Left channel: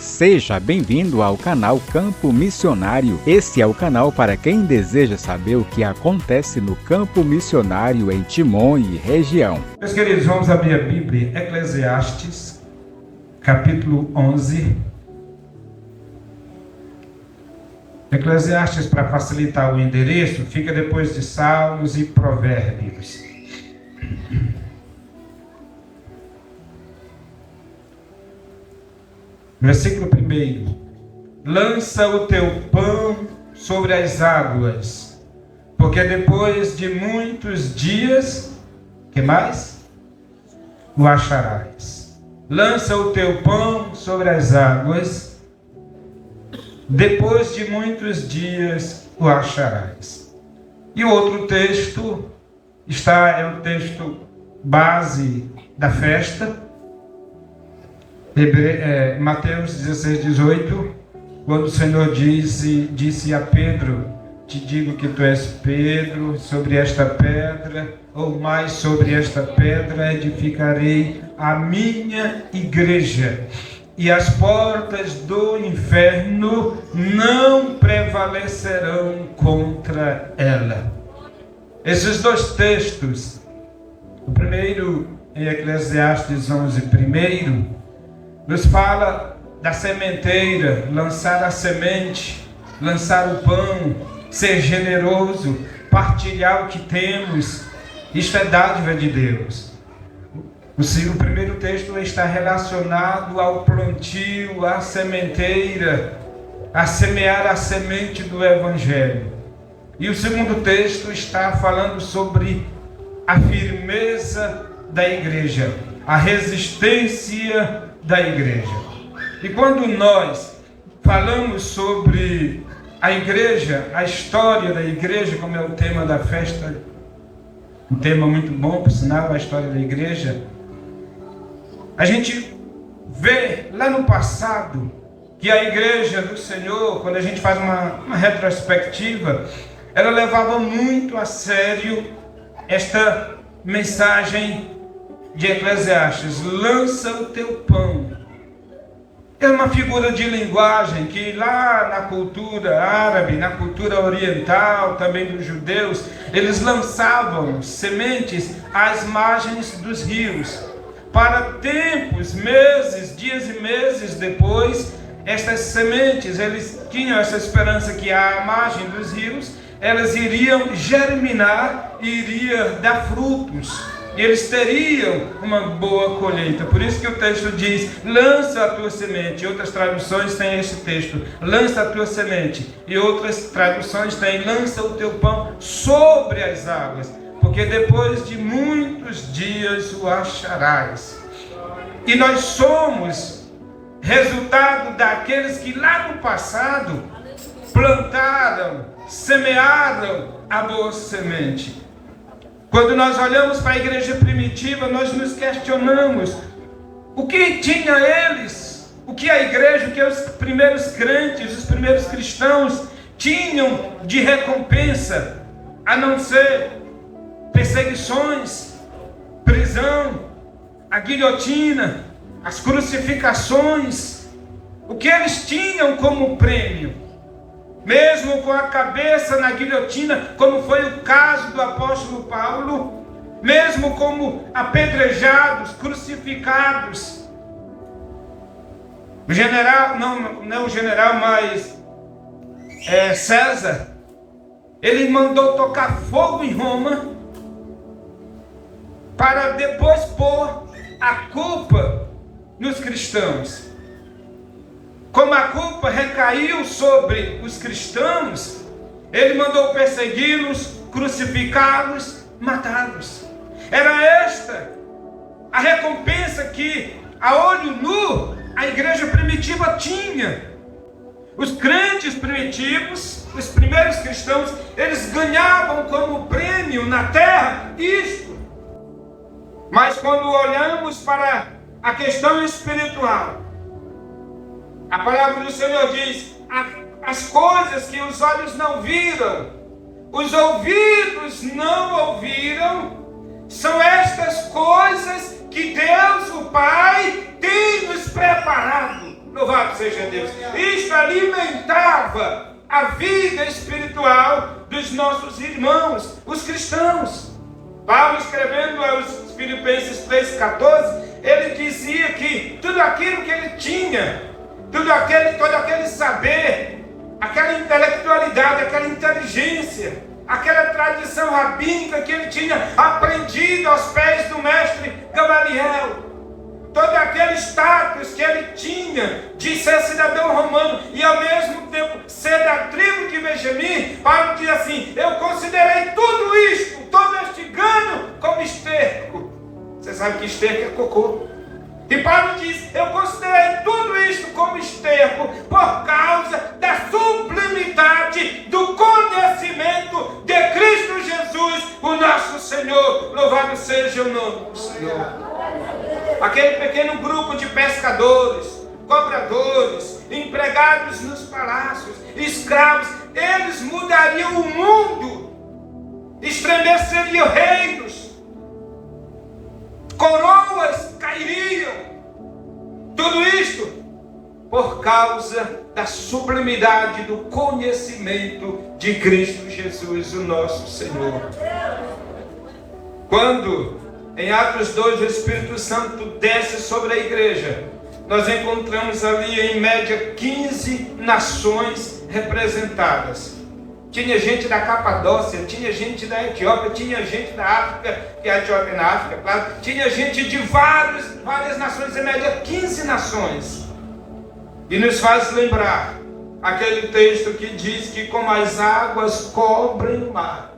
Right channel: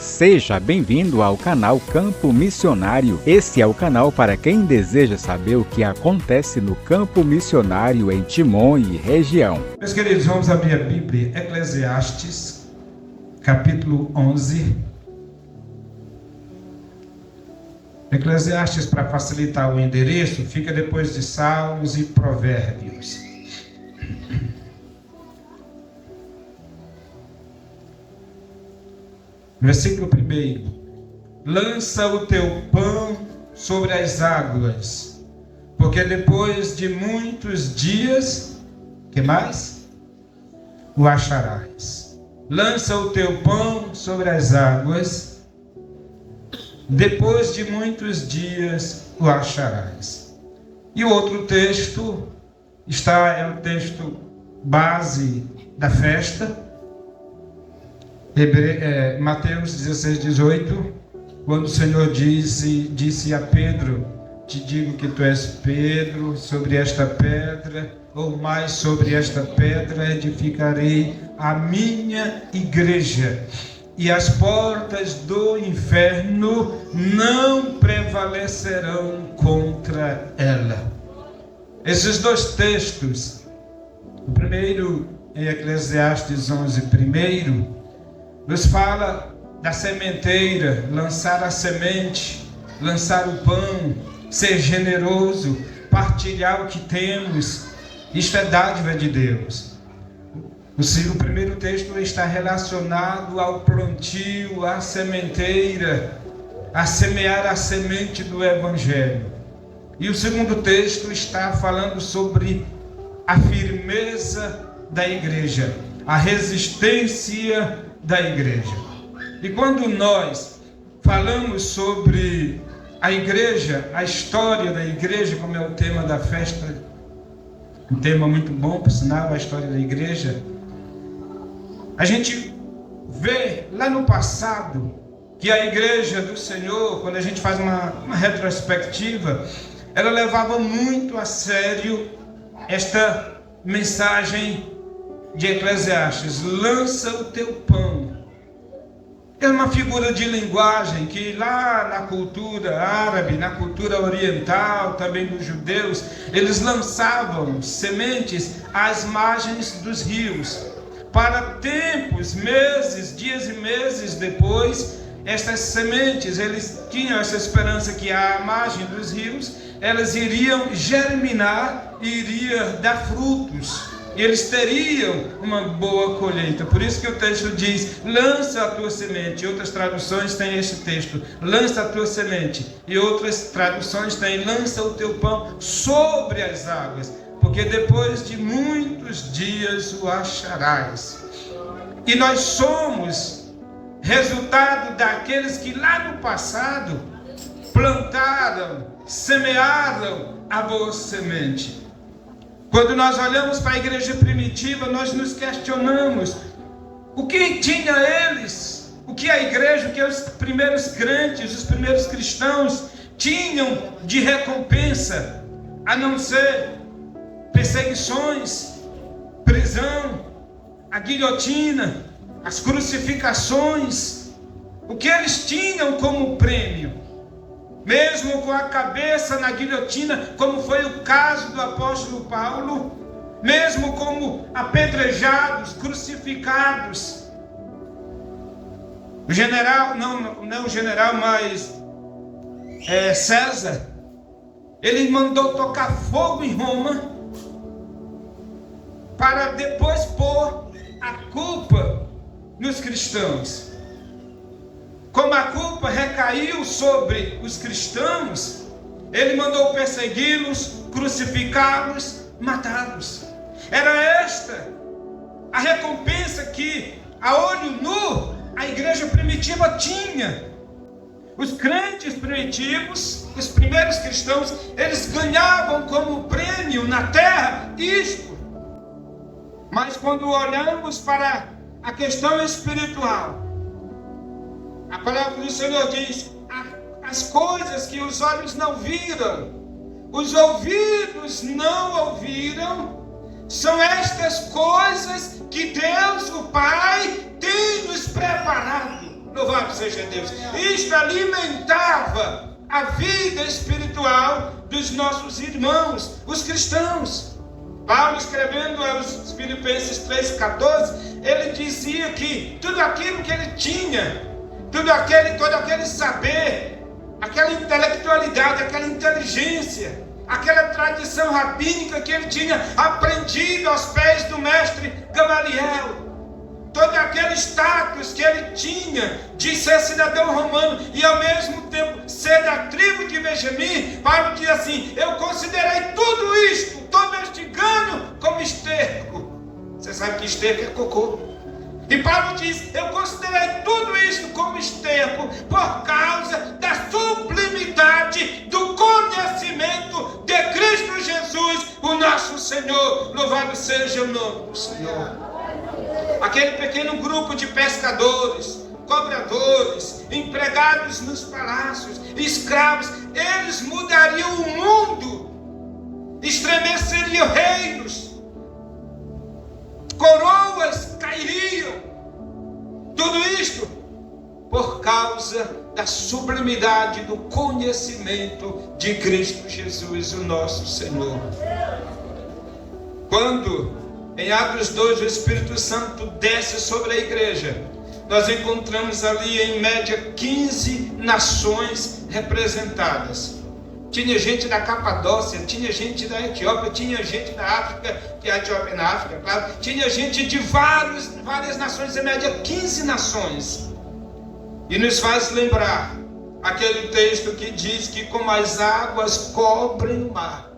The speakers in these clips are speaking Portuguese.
Seja bem-vindo ao canal Campo Missionário. Esse é o canal para quem deseja saber o que acontece no campo missionário em Timon e região. Meus queridos, vamos abrir a Bíblia, Eclesiastes, capítulo 11. Eclesiastes, para facilitar o endereço, fica depois de Salmos e Provérbios. Versículo 1. Lança o teu pão sobre as águas, porque depois de muitos dias, que mais? O acharás. Lança o teu pão sobre as águas, depois de muitos dias o acharás. E o outro texto é o texto base da festa, Mateus 16:18, quando o Senhor disse a Pedro: te digo que tu és Pedro, sobre esta pedra, ou mais sobre esta pedra edificarei a minha igreja, e as portas do inferno não prevalecerão contra ela. Esses dois textos, o primeiro em Eclesiastes 11, nos fala da sementeira, lançar a semente, lançar o pão, ser generoso, partilhar o que temos. Isto é dádiva de Deus. O primeiro texto está relacionado ao plantio, à sementeira, a semear a semente do Evangelho. E o segundo texto está falando sobre a firmeza da igreja, a resistência da igreja. E quando nós falamos sobre a igreja, a história da igreja, como é o tema da festa, um tema muito bom, por sinal, a história da igreja, a gente vê lá no passado que a igreja do Senhor, quando a gente faz uma retrospectiva, ela levava muito a sério esta mensagem de Eclesiastes: lança o teu pão. É uma figura de linguagem que lá na cultura árabe, na cultura oriental, também dos judeus, eles lançavam sementes às margens dos rios. Para tempos, meses, dias e meses depois, estas sementes, eles tinham essa esperança que à margem dos rios, elas iriam germinar e iriam dar frutos. E eles teriam uma boa colheita. Por isso que o texto diz: lança a tua semente. Outras traduções têm este texto: lança a tua semente. E outras traduções têm: lança o teu pão sobre as águas, porque depois de muitos dias o acharás. E nós somos resultado daqueles que lá no passado plantaram, semearam a boa semente. Quando nós olhamos para a igreja primitiva, nós nos questionamos: o que tinha eles, o que a igreja, o que os primeiros crentes, os primeiros cristãos tinham de recompensa, a não ser perseguições, prisão, a guilhotina, as crucificações? O que eles tinham como prêmio? Mesmo com a cabeça na guilhotina, como foi o caso do apóstolo Paulo, mesmo como apedrejados, crucificados, o general, não o general, mas César, ele mandou tocar fogo em Roma, para depois pôr a culpa nos cristãos. Como a culpa recaiu sobre os cristãos, ele mandou persegui-los, crucificá-los, matá-los. Era esta a recompensa que, a olho nu, a igreja primitiva tinha. Os crentes primitivos, os primeiros cristãos, eles ganhavam como prêmio na terra isto. Mas quando olhamos para a questão espiritual, a palavra do Senhor diz: as coisas que os olhos não viram, os ouvidos não ouviram, são estas coisas que Deus, o Pai, tem nos preparado. Louvado seja Deus. Isto alimentava a vida espiritual dos nossos irmãos, os cristãos. Paulo, escrevendo aos Filipenses 3,14, ele dizia que tudo aquilo que ele tinha, todo aquele saber, aquela intelectualidade, aquela inteligência, aquela tradição rabínica que ele tinha aprendido aos pés do mestre Gamaliel, todo aquele status que ele tinha de ser cidadão romano e ao mesmo tempo ser da tribo de Benjamim, Paulo diz assim: eu considerei tudo isto, todo este ganho, como esterco. Você sabe que esterco é cocô. E Paulo diz: eu considerei tudo isto como esterco por causa da sublimidade do conhecimento de Cristo Jesus, o nosso Senhor. Louvado seja o nome do Senhor. Aquele pequeno grupo de pescadores, cobradores, empregados nos palácios, escravos, eles mudariam o mundo, estremeceriam reinos, coroas cairiam. Tudo isto por causa da sublimidade do conhecimento de Cristo Jesus, o nosso Senhor. Quando em Atos 2 o Espírito Santo desce sobre a igreja, nós encontramos ali em média 15 nações representadas. Tinha gente da Capadócia, tinha gente da Etiópia, tinha gente da África, que a Etiópia é na África, claro. Tinha gente de várias nações, em média 15 nações. E nos faz lembrar aquele texto que diz que como as águas cobrem o mar,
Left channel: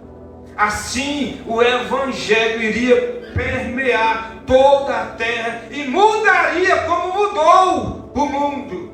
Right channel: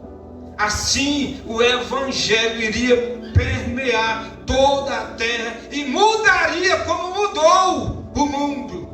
assim o Evangelho iria permear toda a terra e mudaria como mudou o mundo.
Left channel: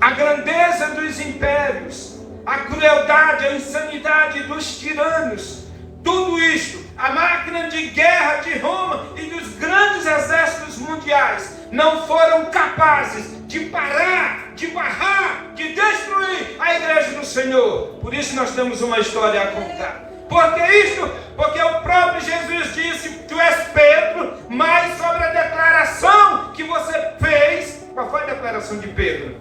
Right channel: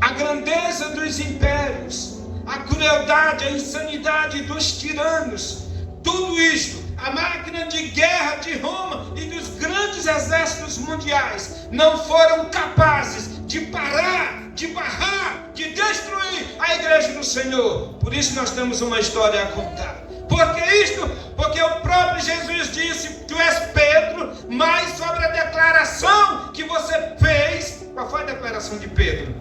A grandeza dos impérios, a crueldade, a insanidade dos tiranos, tudo isto, a máquina de guerra de Roma e dos grandes exércitos mundiais não foram capazes de parar, de barrar, de destruir a igreja do Senhor. Por isso nós temos uma história a contar. Por que isto? Porque o próprio Jesus disse: tu és Pedro, mas sobre a declaração que você fez. Qual foi a declaração de Pedro?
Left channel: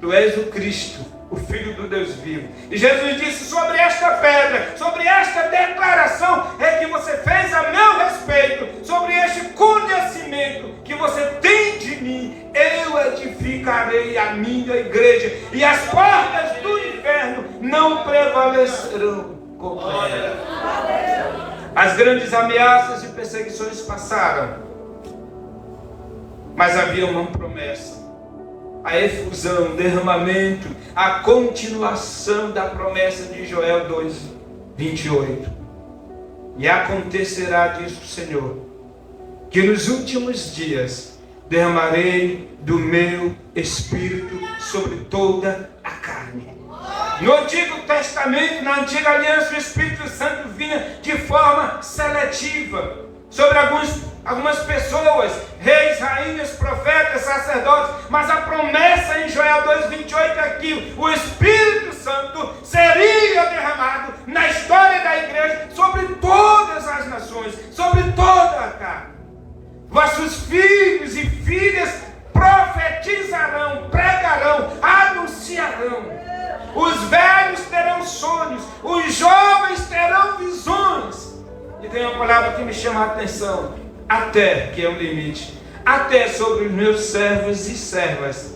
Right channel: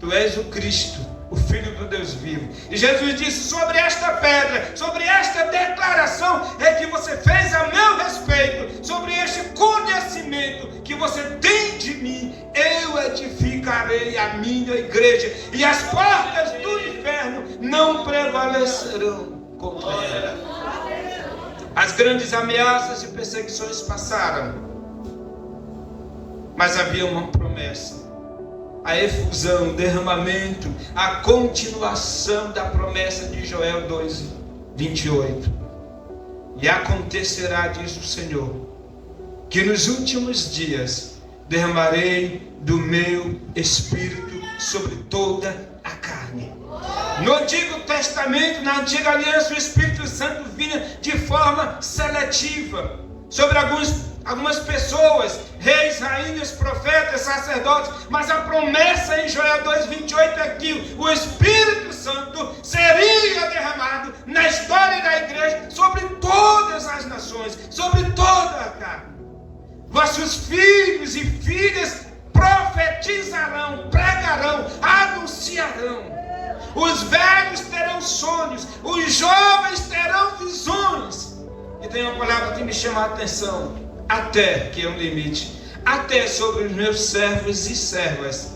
Tu és o Cristo, o Filho do Deus vivo. E Jesus disse: sobre esta pedra, sobre esta declaração é que você fez a meu respeito, sobre este conhecimento que você tem de mim, eu edificarei a minha igreja, e as portas do inferno não prevalecerão contra ela. As grandes ameaças e perseguições passaram, mas havia uma promessa: a efusão, o derramamento, a continuação da promessa de Joel 2:28. E acontecerá, diz o Senhor, que nos últimos dias derramarei do meu Espírito sobre toda a carne. No Antigo Testamento, na Antiga Aliança, o Espírito Santo vinha de forma seletiva sobre algumas pessoas, reis, rainhas, profetas, sacerdotes, mas a promessa em Joel 2:28 é que o Espírito Santo seria derramado na história da igreja sobre todas as nações, sobre toda a carne. Vossos filhos e filhas profetizarão, pregarão, anunciarão. Os velhos terão sonhos, os jovens terão visões. E tem uma palavra que me chama a atenção: até, que é o limite, até sobre os meus servos e servas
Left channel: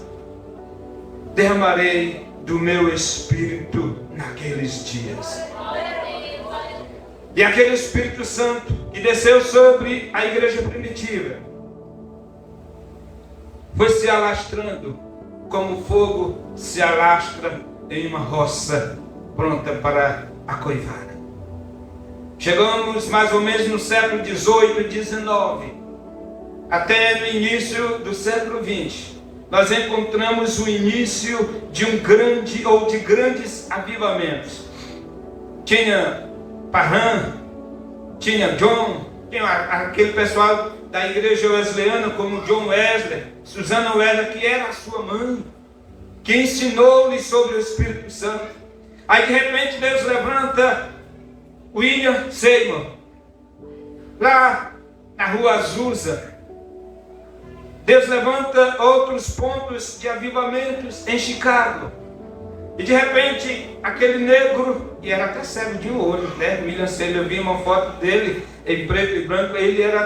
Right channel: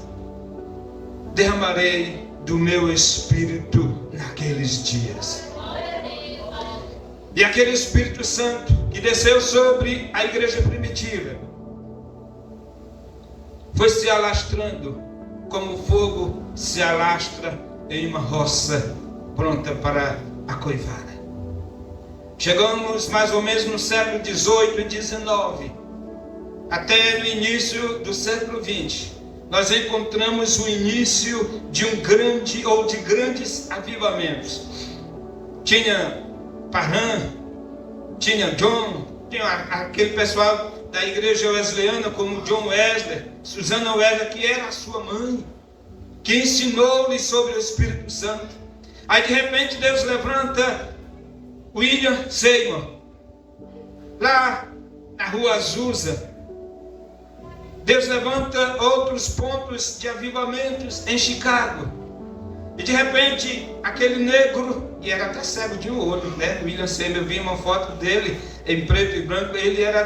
derramarei do meu Espírito naqueles dias. E aquele Espírito Santo que desceu sobre a igreja primitiva foi se alastrando como fogo se alastra em uma roça pronta para a coivada. Chegamos mais ou menos no século XVIII e XIX, até no início do século XX. Nós encontramos o início de de grandes avivamentos. Tinha Parham, tinha John, tinha aquele pessoal da igreja wesleyana como John Wesley, Susana Wesley, que era a sua mãe, que ensinou-lhe sobre o Espírito Santo. Aí de repente Deus levanta William Seymour, lá na rua Azusa, Deus levanta outros pontos de avivamentos em Chicago. E de repente, aquele negro, e era até cego de um olho, né? William Seymour, eu vi uma foto dele em preto e branco,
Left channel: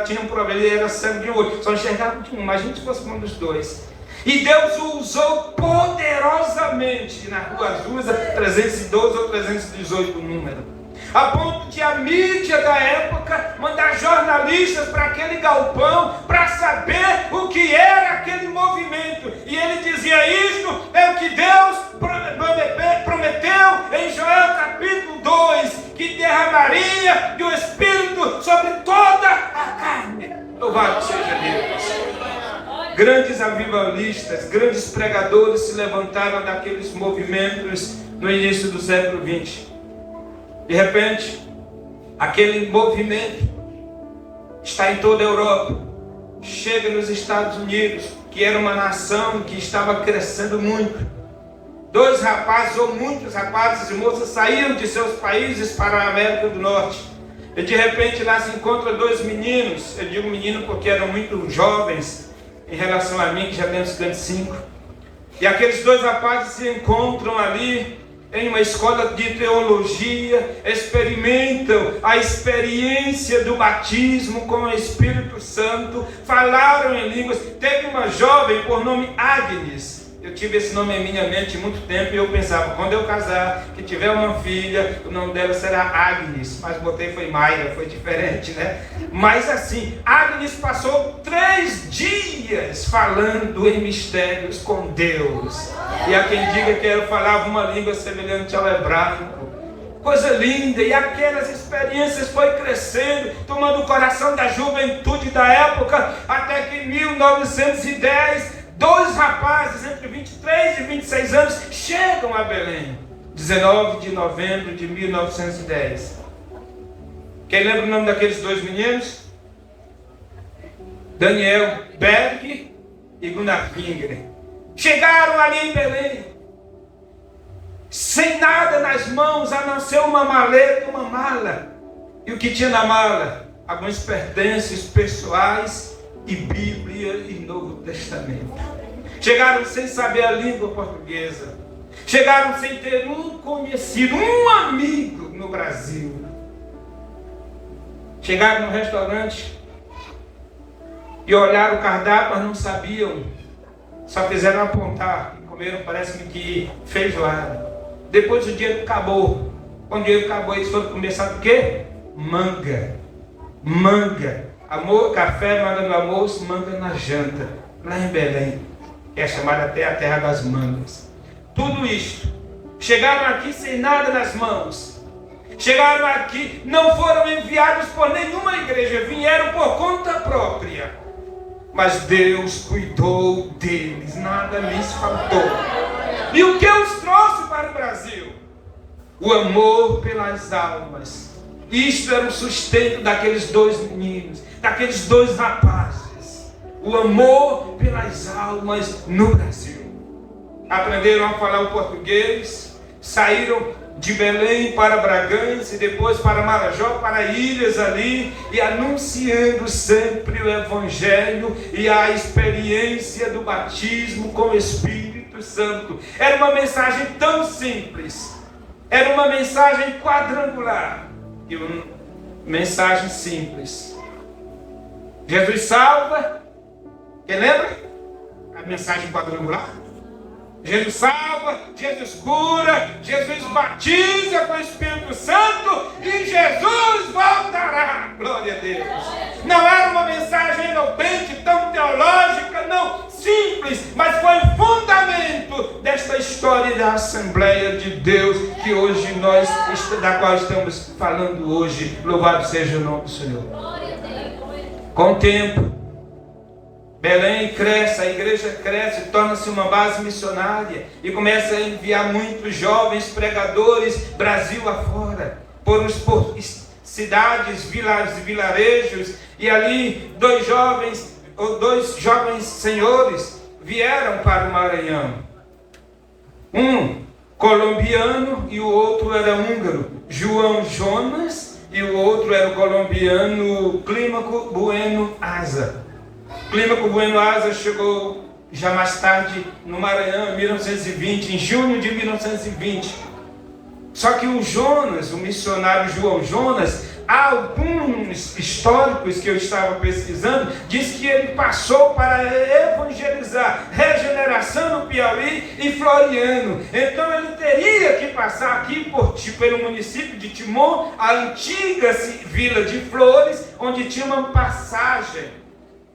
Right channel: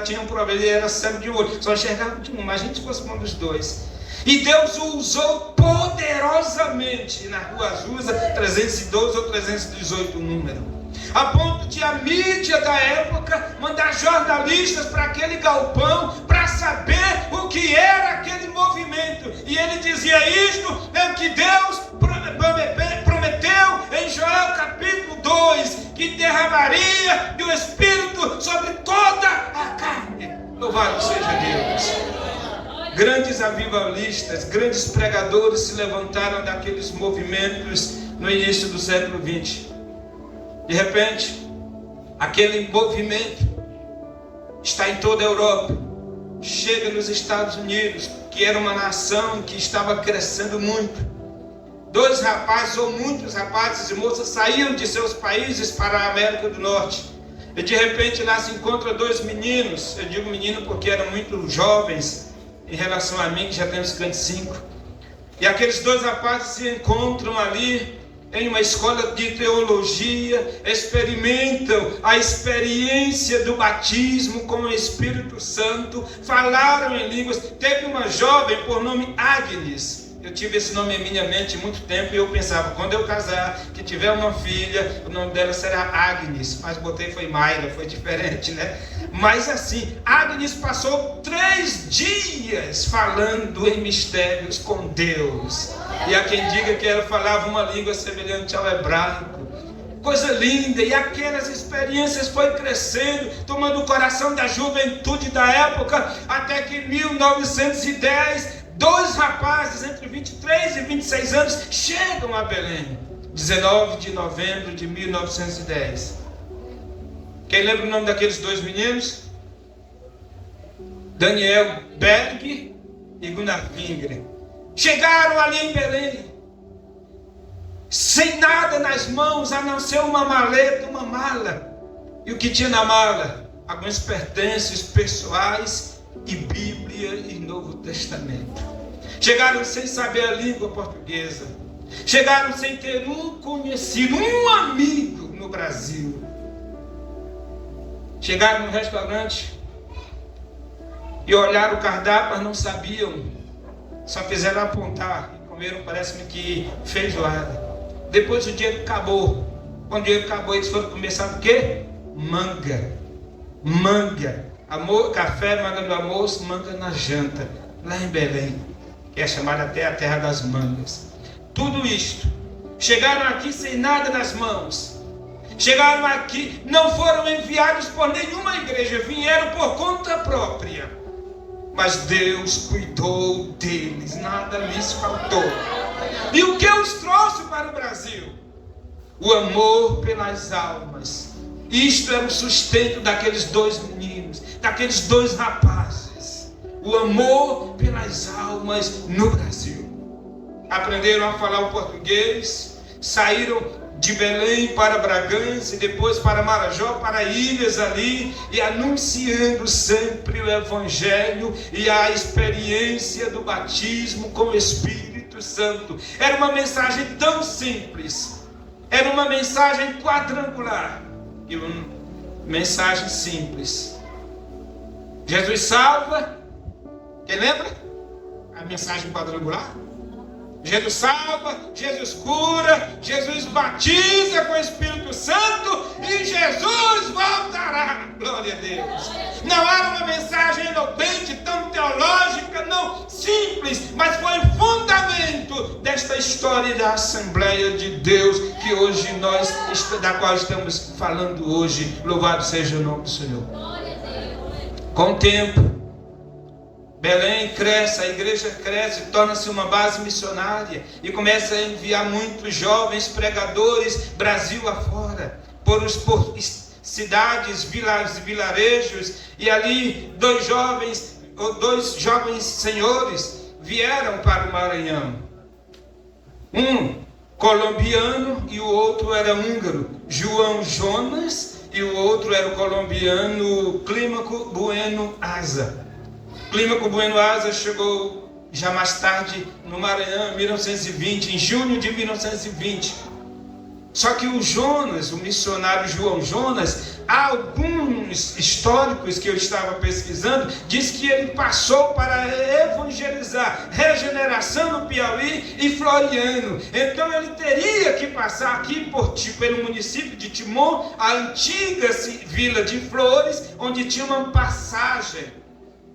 tinha um problema, ele era cego de um olho, só enxergava de um, imagina se fosse um dos dois. E Deus o usou poderosamente na Rua Azusa, 312 ou 318 o número. A ponto de a mídia da época mandar jornalistas para aquele galpão para saber o que era aquele movimento. E ele dizia: isto é o que Deus prometeu em Joel capítulo 2, que derramaria do Espírito sobre toda a carne. Louvado seja Deus. Grandes avivalistas, grandes pregadores se levantaram daqueles movimentos no início do século XX. De repente, aquele movimento está em toda a Europa, chega nos Estados Unidos, que era uma nação que estava crescendo muito. Dois rapazes, ou muitos rapazes e moças, saíram de seus países para a América do Norte. E de repente lá se encontra dois meninos, eu digo menino porque eram muito jovens em relação a mim, que já tenho 55. E aqueles dois rapazes se encontram ali em uma escola de teologia, experimentam a experiência do batismo com o Espírito Santo, falaram em línguas. Teve uma jovem por nome Agnes. Eu tive esse nome em minha mente muito tempo e eu pensava, quando eu casar, que tiver uma filha, o nome dela será Agnes. Mas botei foi Mayra, foi diferente, né? Mas assim, Agnes passou 3 dias falando em mistérios com Deus. E há quem diga que ela falava uma língua semelhante ao hebraico. Coisa linda, e aquelas experiências foi crescendo, tomando o coração da juventude da época, até que em 1910, 2 rapazes entre 23 e 26 anos chegam a Belém, 19 de novembro de 1910. Quem lembra o nome daqueles 2 meninos? Daniel Berg e Gunnar Finger. Chegaram ali em Belém, sem nada nas mãos, a não ser uma maleta, uma mala. E o que tinha na mala? Alguns pertences pessoais e Bíblia e Novo Testamento. Chegaram sem saber a língua portuguesa. Chegaram sem ter um conhecido, um amigo no Brasil. Chegaram no restaurante e olharam o cardápio, mas não sabiam. Só fizeram apontar e comeram, parece-me que feijoada. Depois o dinheiro acabou. Quando o dinheiro acabou, eles foram começar o quê? Manga. Café, manga no almoço, manga na janta. Lá em Belém, que é chamada até a terra das mangas. Tudo isto. Chegaram aqui sem nada nas mãos. Chegaram aqui, não foram enviados por nenhuma igreja, vieram por conta própria. Mas Deus cuidou deles, nada lhes faltou. E o que os trouxe para o Brasil? O amor pelas almas. Isto era o sustento daqueles 2 meninos, daqueles 2 rapazes. O amor pelas almas no Brasil. Aprenderam a falar o português, saíram de Belém para Bragança e depois para Marajó, para ilhas ali, e anunciando sempre o Evangelho e a experiência do batismo com o Espírito Santo. Era uma mensagem tão simples, era uma mensagem quadrangular, e uma mensagem simples. Jesus salva, quem lembra? A mensagem quadrangular. Jesus salva, Jesus cura, Jesus batiza com o Espírito Santo e Jesus voltará. Glória a Deus. Não era uma mensagem eloquente, tão teológica, não, simples, mas foi o fundamento desta história da Assembleia de Deus que hoje nós, da qual estamos falando hoje. Louvado seja o nome do Senhor. Com o tempo, Belém cresce, a igreja cresce, torna-se uma base missionária e começa a enviar muitos jovens pregadores Brasil afora, por cidades, vilarejos, e ali 2 jovens senhores vieram para o Maranhão. Um colombiano e o outro era húngaro, João Jonas, e o outro era o colombiano Clímaco Bueno Asa. Clímaco Bueno Asa chegou já mais tarde no Maranhão, em 1920, em junho de 1920. Só que o Jonas, o missionário João Jonas, alguns históricos que eu estava pesquisando, diz que ele passou para evangelizar Regeneração no Piauí e Floriano. Então ele teria que passar aqui pelo município de Timon, a antiga vila de Flores, onde tinha uma passagem.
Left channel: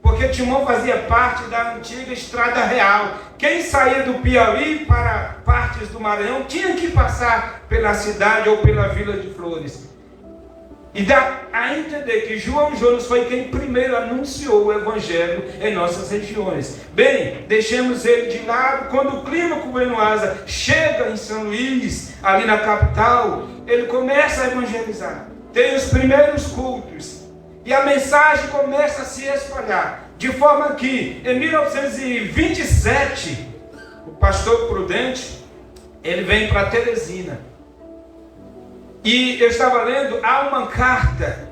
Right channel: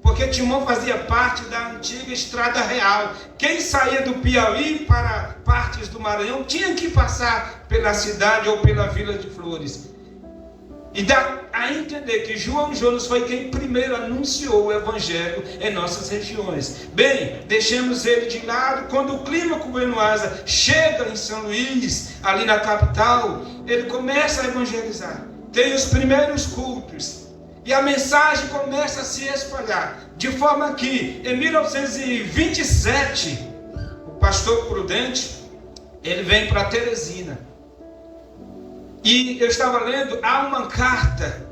Porque Timon fazia parte da antiga Estrada Real. Quem saía do Piauí para partes do Maranhão tinha que passar pela cidade ou pela Vila de Flores. E dá a entender que João Jonas foi quem primeiro anunciou o Evangelho em nossas regiões. Bem, deixemos ele de lado. Quando o Clímaco Bueno Asa chega em São Luís, ali na capital, ele começa a evangelizar. Tem os primeiros cultos. E a mensagem começa a se espalhar, de forma que, em 1927, o pastor Prudente, ele vem para Teresina. E eu estava lendo, há uma carta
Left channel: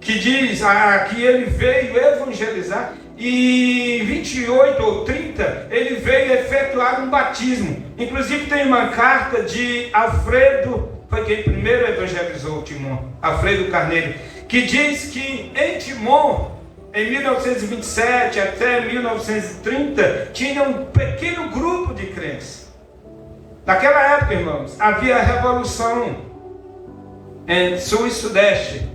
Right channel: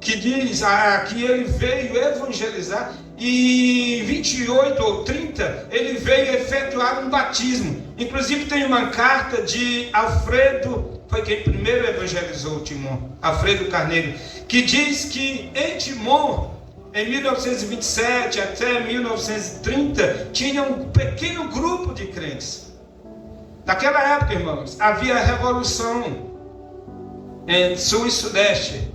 que diz que ele veio evangelizar, e em 28 ou 30, ele veio efetuar um batismo. Inclusive tem uma carta de Alfredo, foi quem primeiro evangelizou Timon, Alfredo Carneiro, que diz que em Timon, em 1927 até 1930, tinha um pequeno grupo de crentes. Naquela época, irmãos, havia a revolução em Sul e Sudeste.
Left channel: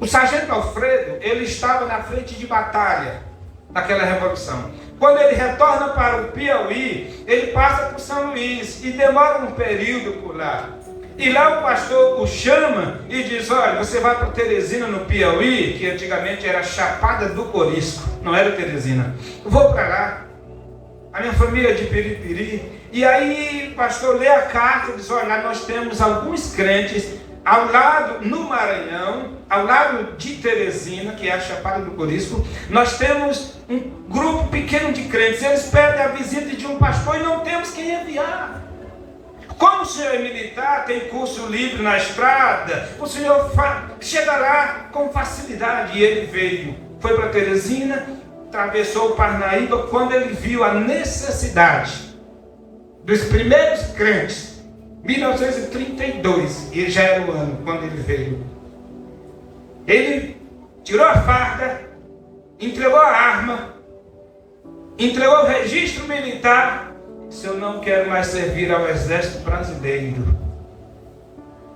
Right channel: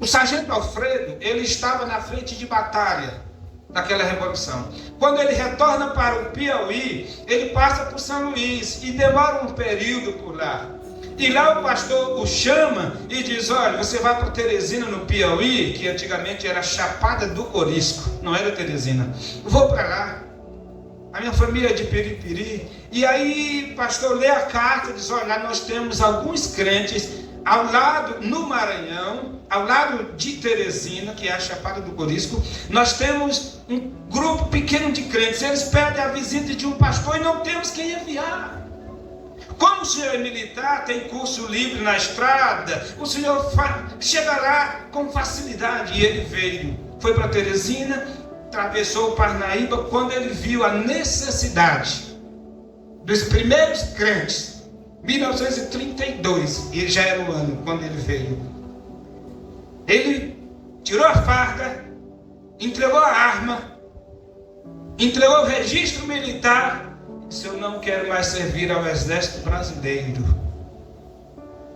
O sargento Alfredo, ele estava na frente de batalha daquela revolução. Quando ele retorna para o Piauí, ele passa por São Luís e demora um período por lá. E lá o pastor o chama e diz: olha, você vai para Teresina no Piauí, que antigamente era Chapada do Corisco, não era Teresina. Vou para lá, a minha família é de Piripiri. E aí o pastor lê a carta e diz: olha, nós temos alguns crentes ao lado, no Maranhão, ao lado de Teresina, que é a Chapada do Corisco, nós temos um grupo pequeno de crentes. Eles pedem a visita de um pastor e não temos quem enviar. Como o senhor é militar, tem curso livre na estrada, o senhor chega lá com facilidade. E ele veio, foi para Teresina, atravessou o Parnaíba. Quando ele viu a necessidade dos primeiros crentes, 1932, e já era o ano quando ele veio, ele tirou a farda, entregou a arma, entregou o registro militar. Se eu não quero mais servir ao exército brasileiro,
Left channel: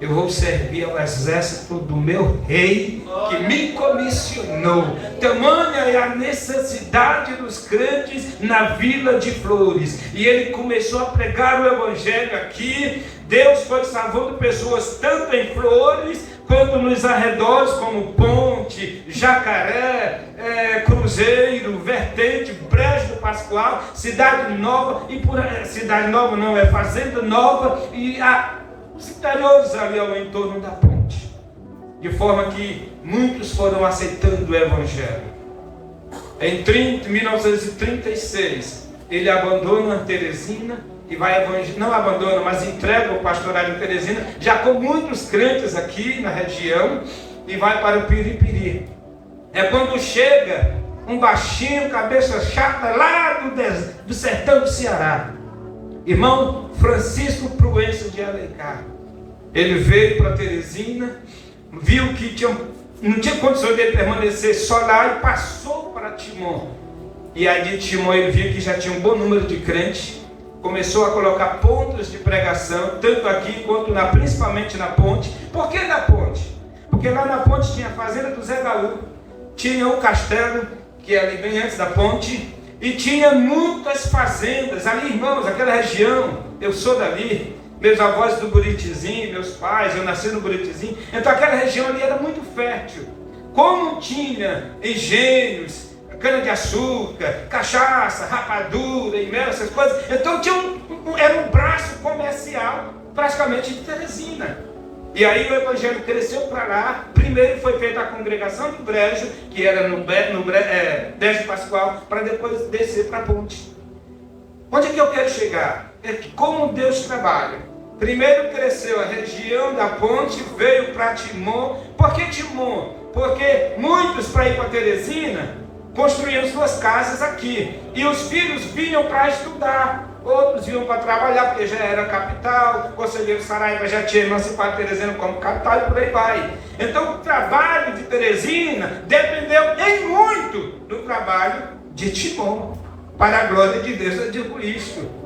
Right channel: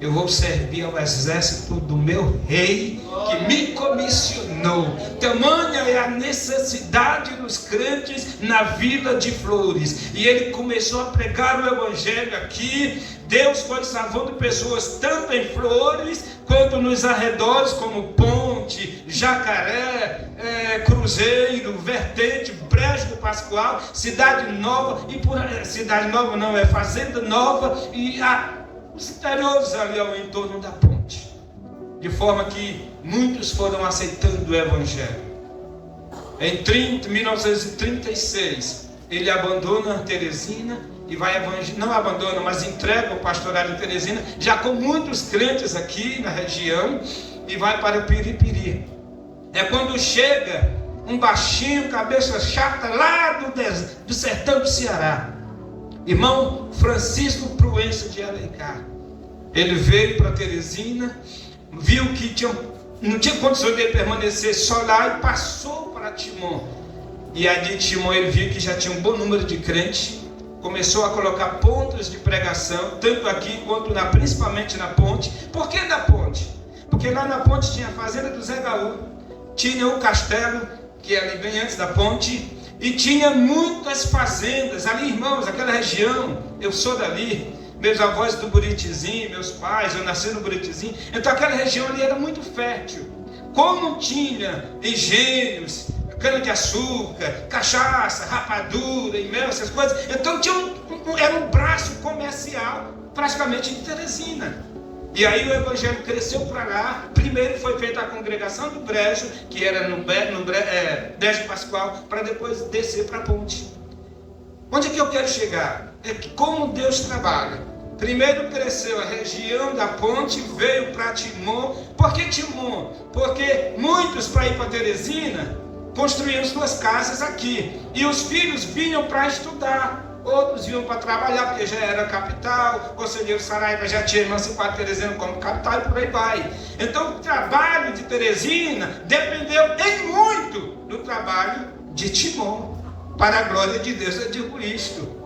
eu vou servir ao exército do meu rei, que me comissionou. Tamanha é a necessidade dos crentes na Vila de Flores. E ele começou a pregar o evangelho aqui. Deus foi salvando pessoas tanto em Flores quanto nos arredores, como Ponte, Jacaré, Cruzeiro, Vertente, Brejo do Pascoal, Cidade Nova, e por aí, Cidade Nova não, é Fazenda Nova, e os interiores ali ao entorno da ponte. De forma que muitos foram aceitando o evangelho. Em 1936, ele abandona Teresina e vai não abandona, mas entrega o pastorado em Teresina, já com muitos crentes aqui na região, e vai para o Piripiri. É quando chega um baixinho, cabeça chata, lá do sertão do Ceará, irmão Francisco Proença de Alencar. Ele veio para Teresina, viu que não tinha condição de permanecer só lá e passou para Timon. E aí de Timon ele viu que já tinha um bom número de crentes, começou a colocar pontos de pregação, tanto aqui quanto principalmente na ponte. Por que na ponte? Porque lá na ponte tinha a fazenda do Zé Gaú, tinha o castelo, que é ali bem antes da ponte, e tinha muitas fazendas ali, irmãos, aquela região, eu sou dali, meus avós do Buritizinho, meus pais, eu nasci no Buritizinho, então aquela região ali era muito fértil. Como tinha engenhos, cana-de-açúcar, cachaça, rapadura e mel, essas coisas, então era um braço comercial praticamente de Teresina. E aí o evangelho cresceu para lá. Primeiro foi feita a congregação do Brejo, que era no Brejo Pascoal, para depois descer para a ponte. Onde é que eu quero chegar? É que como Deus trabalha. Primeiro cresceu a região da ponte, veio para Timon. Por que Timon? Porque muitos, para ir para Teresina, construíam suas casas aqui. E os filhos vinham para estudar. Outros vinham para trabalhar, porque já era capital. O Conselheiro Saraiva já tinha emancipado Teresina como capital e por aí vai. Então o trabalho de Teresina dependeu em muito do trabalho de Timon. Para a glória de Deus, eu digo isto.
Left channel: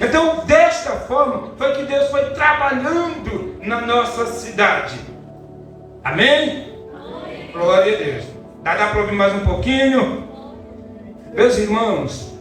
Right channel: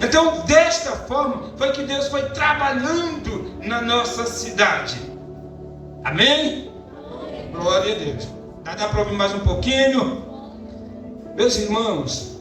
Então, desta forma, foi que Deus foi trabalhando na nossa cidade. Amém? Amém. Glória a Deus. Dá para ouvir mais um pouquinho? Meus irmãos,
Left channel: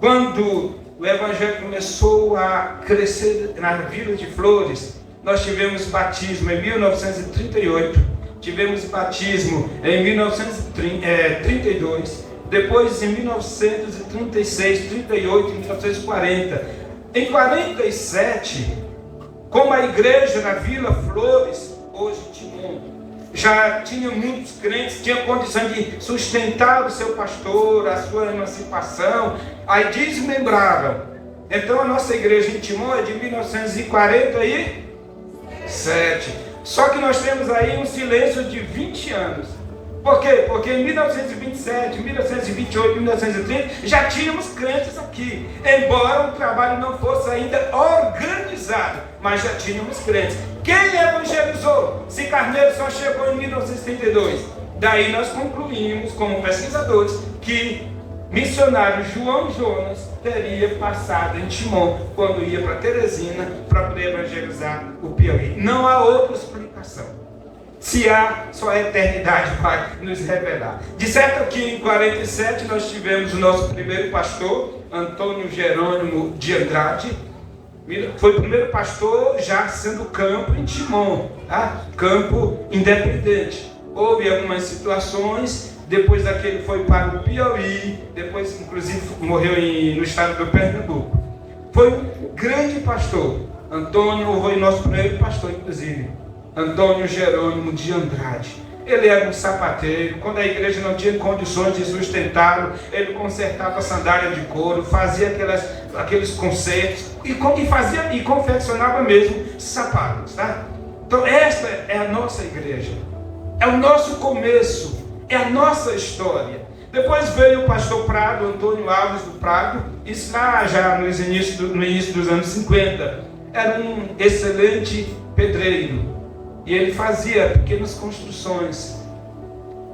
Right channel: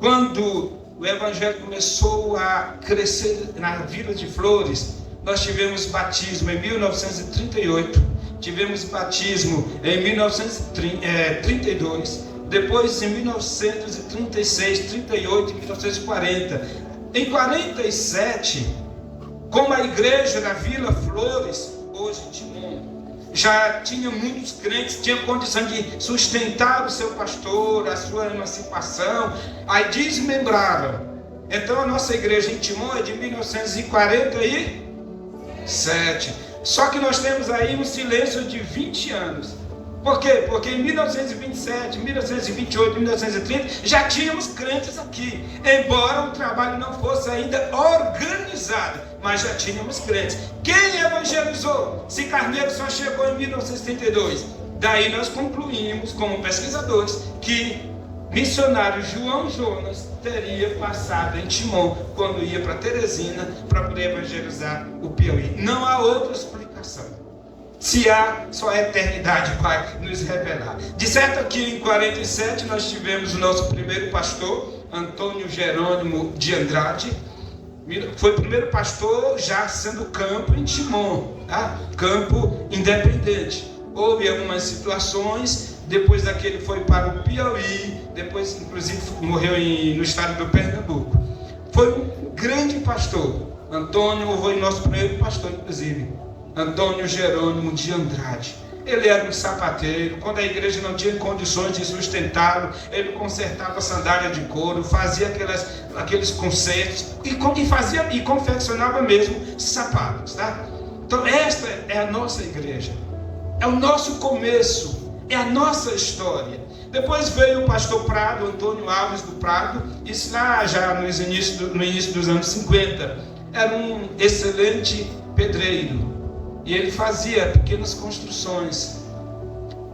quando o Evangelho começou a crescer na Vila de Flores, nós tivemos batismo em 1938, tivemos batismo em 1932, depois em 1936, 38 e 1940. Em 47, como a igreja na Vila Flores, hoje Timon, já tinha muitos crentes, tinha condição de sustentar o seu pastor, a sua emancipação, aí desmembraram. Então a nossa igreja em Timon é de 1947. Só que nós temos aí um silêncio de 20 anos. Por quê? Porque em 1927, 1928, 1930 já tínhamos crentes aqui, embora o trabalho não fosse ainda organizado, mas já tínhamos crentes. Quem evangelizou? Se Carneiro só chegou em 1932. Daí nós concluímos, como pesquisadores, que missionário João Jonas teria passado em Timon quando ia para Teresina para poder evangelizar o Piauí. Não há outra explicação. Se há, só a eternidade vai nos revelar. De certo que em 47 nós tivemos o nosso primeiro pastor, Antônio Jerônimo de Andrade. Foi o primeiro pastor já sendo campo em Timon, tá? Campo independente. Houve algumas situações, depois daquele foi para o Piauí, depois inclusive morreu no estado do Pernambuco. Foi um grande pastor. Antônio foi nosso primeiro pastor, inclusive. Antônio Jerônimo de Andrade. Ele era um sapateiro. Quando a igreja não tinha condições de sustentá-lo, ele consertava sandália de couro, fazia aqueles consertos e confeccionava mesmo sapatos, tá? Então esta é a nossa igreja, é o nosso começo, é a nossa história. Depois veio o pastor Prado, Antônio Alves do Prado, isso lá já no início dos anos 50. Era um excelente pedreiro. E ele fazia pequenas construções.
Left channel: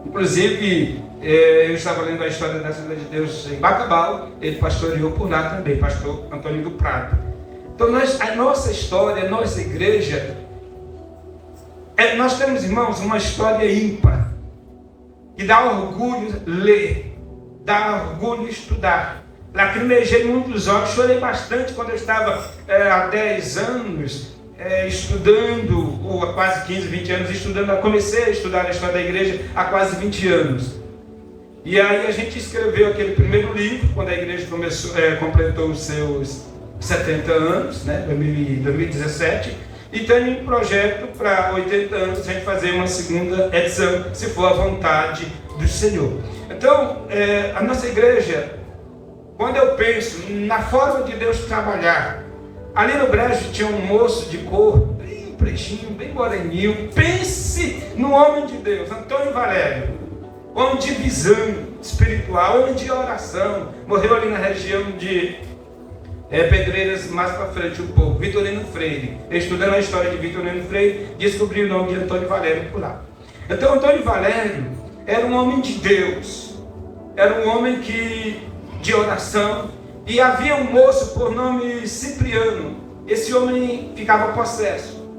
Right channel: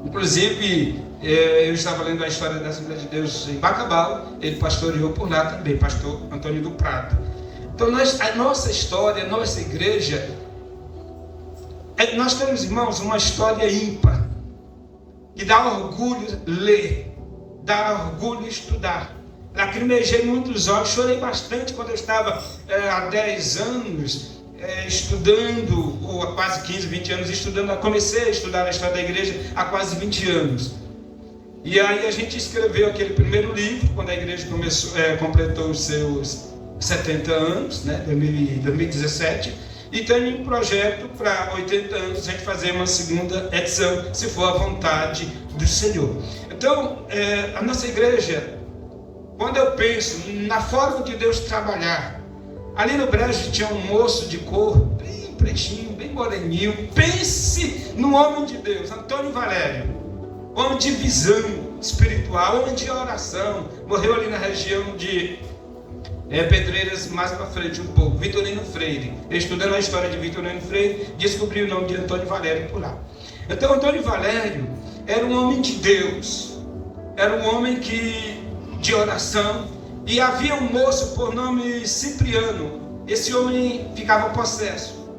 Inclusive, eu estava lendo a história da Assembleia de Deus em Bacabal, ele pastoreou por lá também, pastor Antônio do Prado. Então, a nossa história, a nossa igreja, nós temos, irmãos, uma história ímpar, que dá orgulho ler, dá orgulho estudar. Lacrimejei muitos olhos, chorei bastante quando eu estava há 10 anos, estudando, ou há quase 15, 20 anos estudando. Comecei a estudar a história da igreja há quase 20 anos. E aí a gente escreveu aquele primeiro livro, quando a igreja completou os seus 70 anos, né, 2017, e tem um projeto para 80 anos a gente fazer uma segunda edição, se for a vontade do Senhor. Então, a nossa igreja, quando eu penso na forma de Deus trabalhar, ali no Brejo tinha um moço de cor, bem pretinho, bem moreninho. Pense no homem de Deus, Antônio Valério, homem de visão espiritual, homem de oração. Morreu ali na região de Pedreiras, mais para frente um pouco, Vitorino Freire. Estudando a história de Vitorino Freire, descobri o nome de Antônio Valério por lá. Então Antônio Valério era um homem de Deus, era um homem de oração. E havia um moço por nome Cipriano. Esse homem ficava possesso.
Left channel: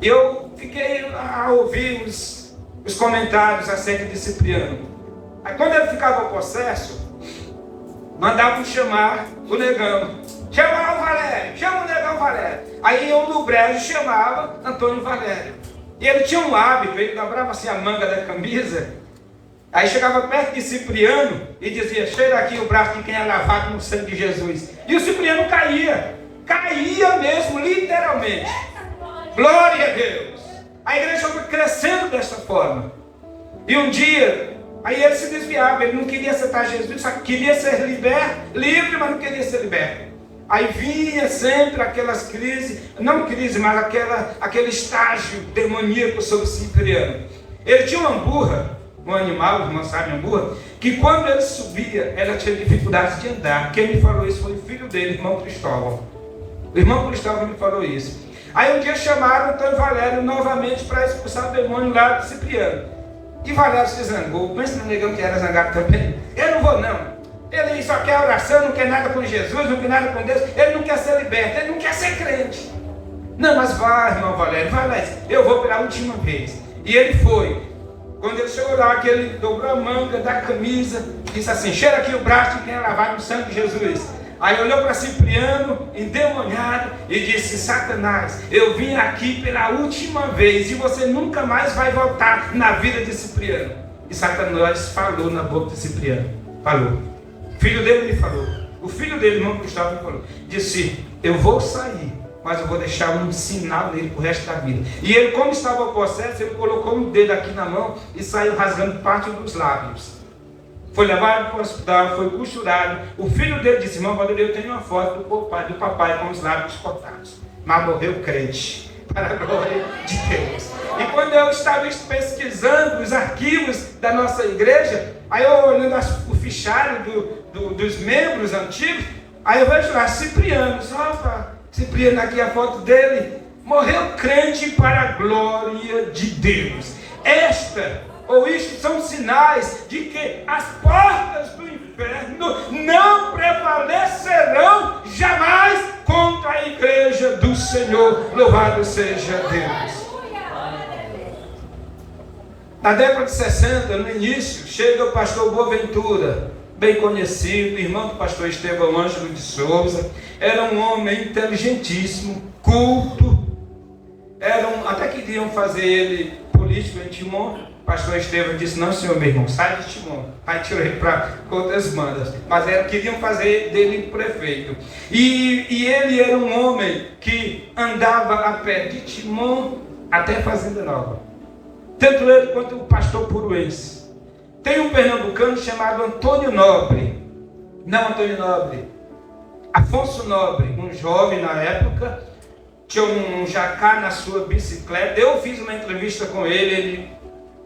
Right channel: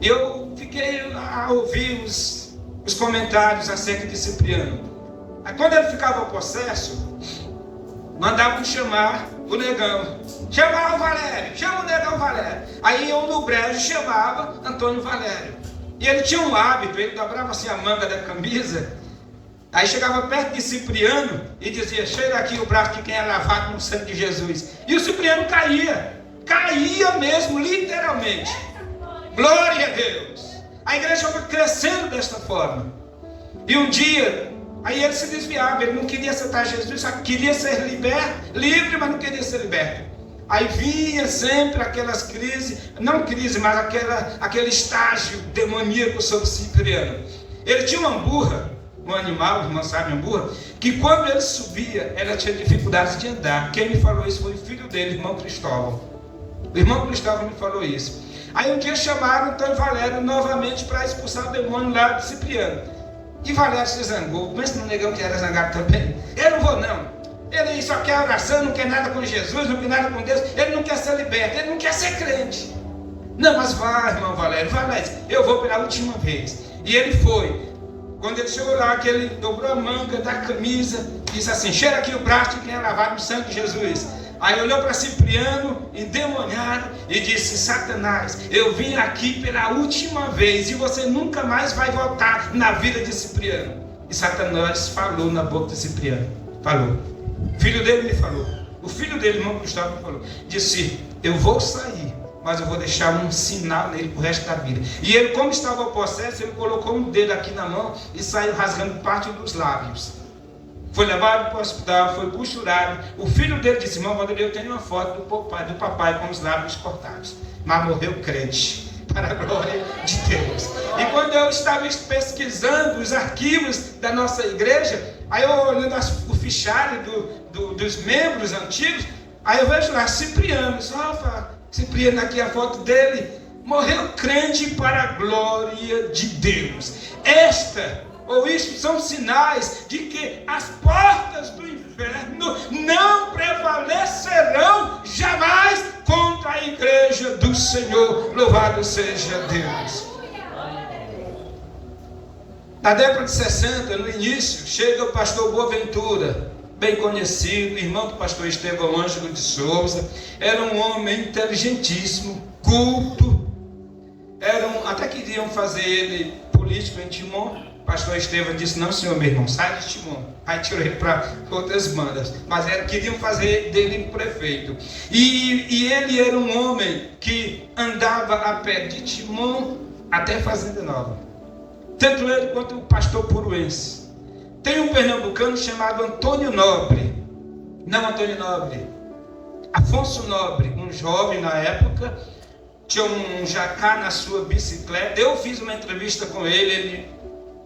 Eu fiquei a ouvir os comentários acerca de Cipriano. Aí quando ele ficava possesso, mandavam chamar o negão. Chama o Valério, chama o negão Valério. Aí eu no Brejo chamava Antônio Valério. E ele tinha um hábito, ele dobrava assim a manga da camisa. Aí chegava perto de Cipriano e dizia: cheira aqui o braço de quem é lavado no sangue de Jesus. E o Cipriano caía mesmo, literalmente. Glória a Deus. A igreja foi crescendo desta forma. E um dia, aí ele se desviava, ele não queria aceitar Jesus, só queria ser livre, mas não queria ser liberto. Aí vinha sempre aquelas crises, não crise, mas aquele estágio demoníaco sobre Cipriano. Ele tinha uma burra, um animal, não sabe, uma burra, que quando ele subia, ela tinha dificuldade de andar. Quem me falou isso foi o filho dele, irmão Cristóvão. O irmão Cristóvão me falou isso. Aí um dia chamaram Antônio Valério novamente para expulsar o demônio lá do Cipriano. E Valério se zangou. Pensa no negão que era zangado também. Eu não vou não. Ele só quer oração, não quer nada com Jesus, não quer nada com Deus. Ele não quer ser liberto, ele não quer ser crente. Não, mas vai, irmão Valério, eu vou pela última vez. E ele foi. Quando ele chegou lá, que ele dobrou a manga da camisa, disse assim: cheira aqui o braço de quem é lavado no sangue de Jesus. Aí olhou para Cipriano, endemoniado, e disse: Satanás, eu vim aqui pela última vez, e você nunca mais vai voltar na vida de Cipriano. E Satanás falou na boca de Cipriano. Falou. O filho dele me falou. O filho dele, irmão Gustavo, me falou. Disse: eu vou sair, mas eu vou deixar um sinal nele pro resto da vida. E ele, como estava possesso, ele colocou um dedo aqui na mão e saiu rasgando parte dos lábios. Foi levado para o hospital, foi costurado. O filho dele disse: irmão Valdir, eu tenho uma foto do papai com os lábios cortados. Mas morreu crente, para a glória de Deus. E quando eu estava pesquisando os arquivos da nossa igreja, aí eu olhando o fichário dos membros antigos, aí eu vejo lá Cipriano. Cipriano, aqui a foto dele, morreu crente para a glória de Deus. Isto são sinais de que as portas do inferno não prevalecerão jamais contra a igreja do Senhor. Louvado seja Deus. Na década de 60, no início, chega o pastor Boaventura, bem conhecido, irmão do pastor Estevão Ângelo de Souza. Era um homem inteligentíssimo, culto. Até queriam fazer ele político em Timon. O pastor Estevão disse: não, senhor, meu irmão, sai de Timon. Aí tirou ele para outras bandas. Mas queriam fazer dele prefeito. E ele era um homem que andava a pé de Timon até Fazenda Nova. Tanto ele quanto o pastor Puruense. Tem um pernambucano chamado Antônio Nobre. Não Antônio Nobre. Afonso Nobre, um jovem na época, tinha um jacá na sua bicicleta. Eu fiz uma entrevista com ele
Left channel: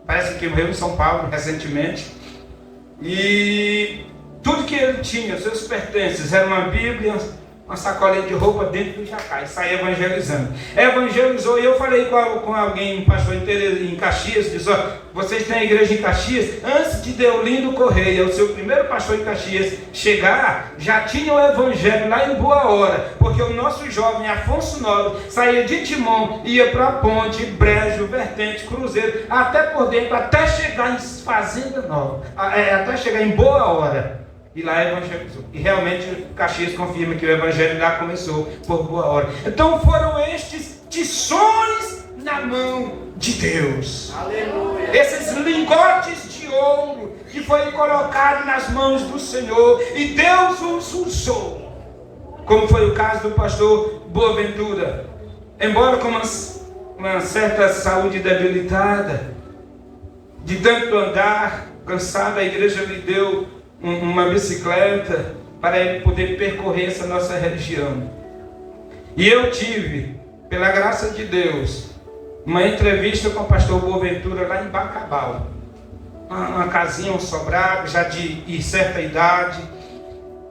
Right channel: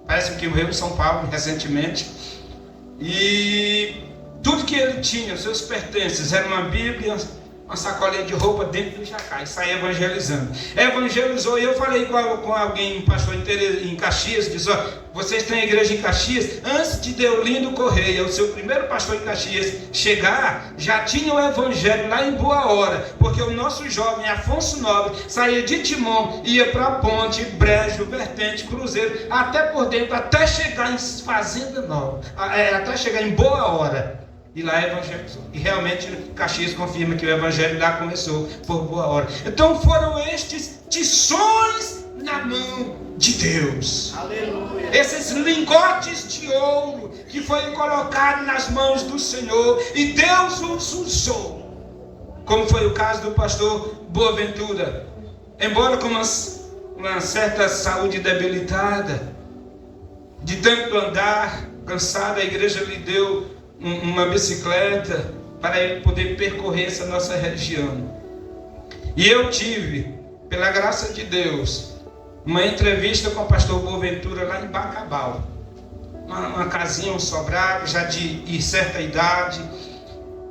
parece que morreu em São Paulo recentemente. E tudo que ele tinha, os seus pertences, era uma Bíblia, uma sacolinha de roupa dentro do jacá, e saía evangelizando. Evangelizou, e eu falei com alguém, um pastor em Caxias, disse: vocês têm a igreja em Caxias? Antes de Deolindo Correia, o seu primeiro pastor em Caxias, chegar, já tinha o evangelho lá em Boa Hora, porque o nosso jovem Afonso Nobre saía de Timon, ia para a Ponte, Brejo, Vertente, Cruzeiro, até por dentro, até chegar em Fazenda Nova, até chegar em Boa Hora. E lá evangelizou. E realmente Caxias confirma que o evangelho lá começou por Boa Hora. Então foram estes tições na mão de Deus. Aleluia. Esses lingotes de ouro que foi colocado nas mãos do Senhor. E Deus os usou. Como foi o caso do pastor Boaventura. Embora com uma certa saúde debilitada, de tanto andar, cansado, a igreja lhe deu uma bicicleta para ele poder percorrer essa nossa região. E eu tive, pela graça de Deus, uma entrevista com o pastor Boaventura lá em Bacabal. Uma casinha, um sobrado, já de certa idade.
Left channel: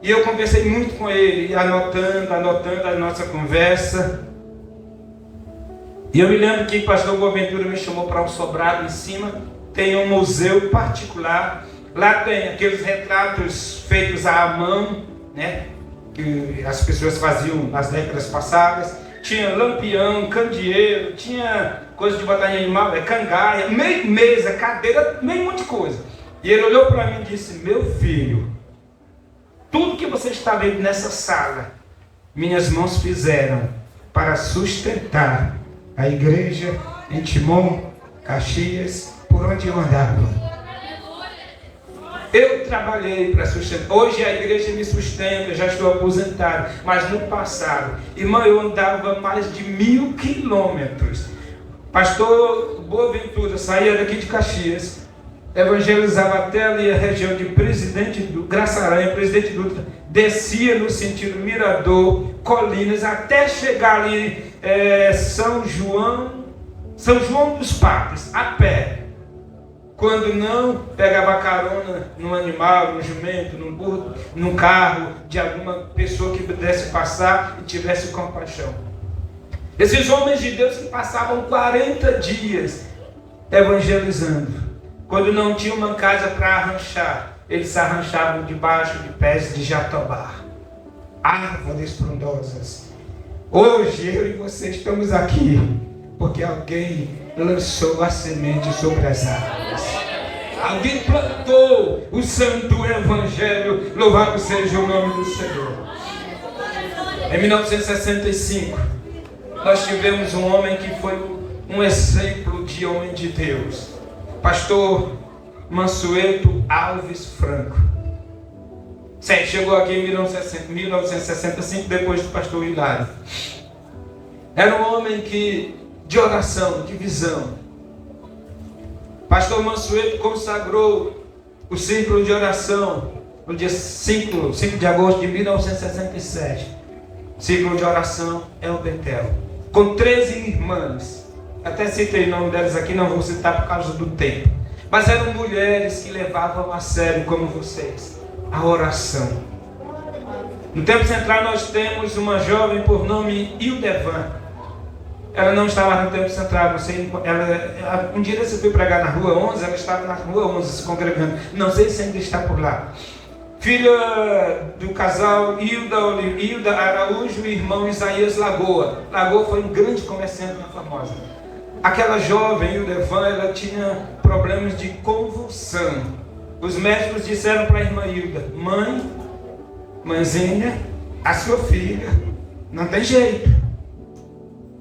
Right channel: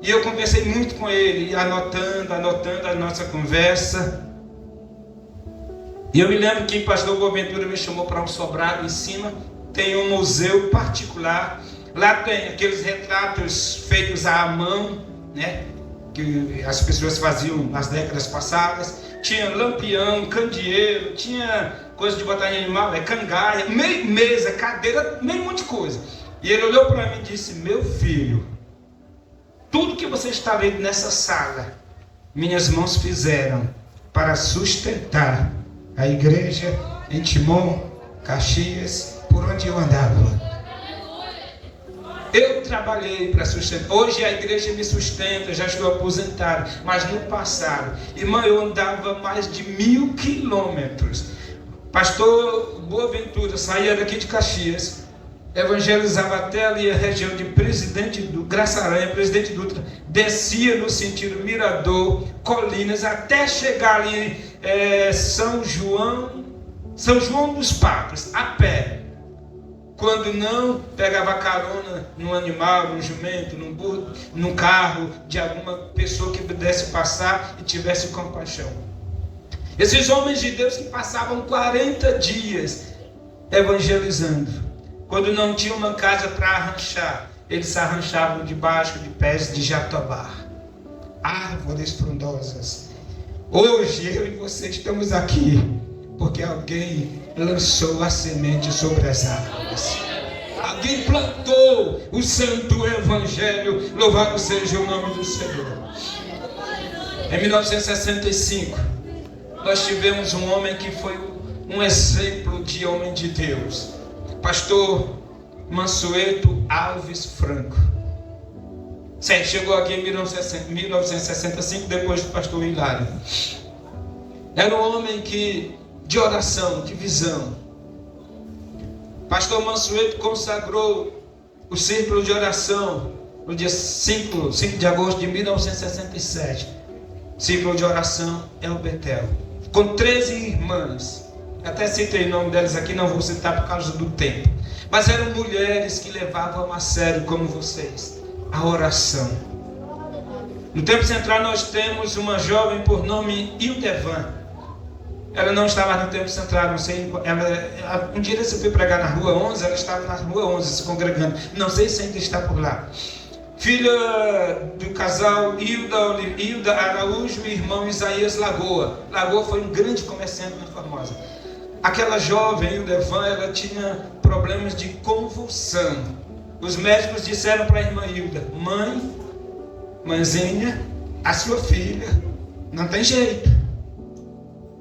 E eu conversei muito com ele, anotando a nossa conversa. E eu me lembro que o pastor Boaventura me chamou para um sobrado em cima. Tem um museu particular. Lá tem aqueles retratos feitos à mão, né, que as pessoas faziam nas décadas passadas. Tinha lampião, candeeiro, tinha coisa de botar em animal, cangaia, meio mesa, cadeira, meio monte de coisa. E ele olhou para mim e disse: meu filho, tudo que você está vendo nessa sala, minhas mãos fizeram para sustentar a igreja em Timon, Caxias, por onde eu andava. Eu trabalhei para sustentar. Hoje a igreja me sustenta, já estou aposentado. Mas no passado, irmão, eu andava mais de 1000 quilômetros. Pastor Boaventura saía daqui de Caxias, evangelizava até ali a região de Graça Aranha, Presidente Dutra, descia no sentido Mirador, Colinas, até chegar ali São João dos Patos, a pé. Quando não, pegava carona num animal, num jumento, num burro, num carro de alguma pessoa que pudesse passar e tivesse compaixão. Esses homens de Deus que passavam 40 dias evangelizando. Quando não tinha uma casa para arranchar, eles se arranchavam debaixo de pés de jatobá, árvores frondosas. Hoje eu e você estamos aqui porque alguém lançou a semente sobre as árvores. Alguém plantou o santo evangelho. Louvado seja o nome do Senhor. Em 1965, nós tivemos um homem que foi um exemplo de homem de Deus. Pastor Mansueto Alves Franco. Chegou aqui em 1965, depois do pastor Hilário. Era um homem de oração, de visão. Pastor Mansueto consagrou o círculo de oração no dia 5 de agosto de 1967. Círculo de oração El Betel, com 13 irmãs. Até citei o nome delas aqui, não vou citar por causa do tempo. Mas eram mulheres que levavam a sério, como vocês, a oração. No Templo Central nós temos uma jovem por nome Hildevan. Ela não estava no Templo Central, não sei. Um dia você foi pregar na Rua 11, ela estava na Rua 11 se congregando. Não sei se ainda está por lá. Filha do casal Hilda Araújo e irmão Isaías Lagoa. Lagoa foi um grande comerciante muito famosa. Aquela jovem, Hildevan, ela tinha problemas de convulsão. Os médicos disseram para a irmã Hilda: mãezinha, a sua filha não tem jeito.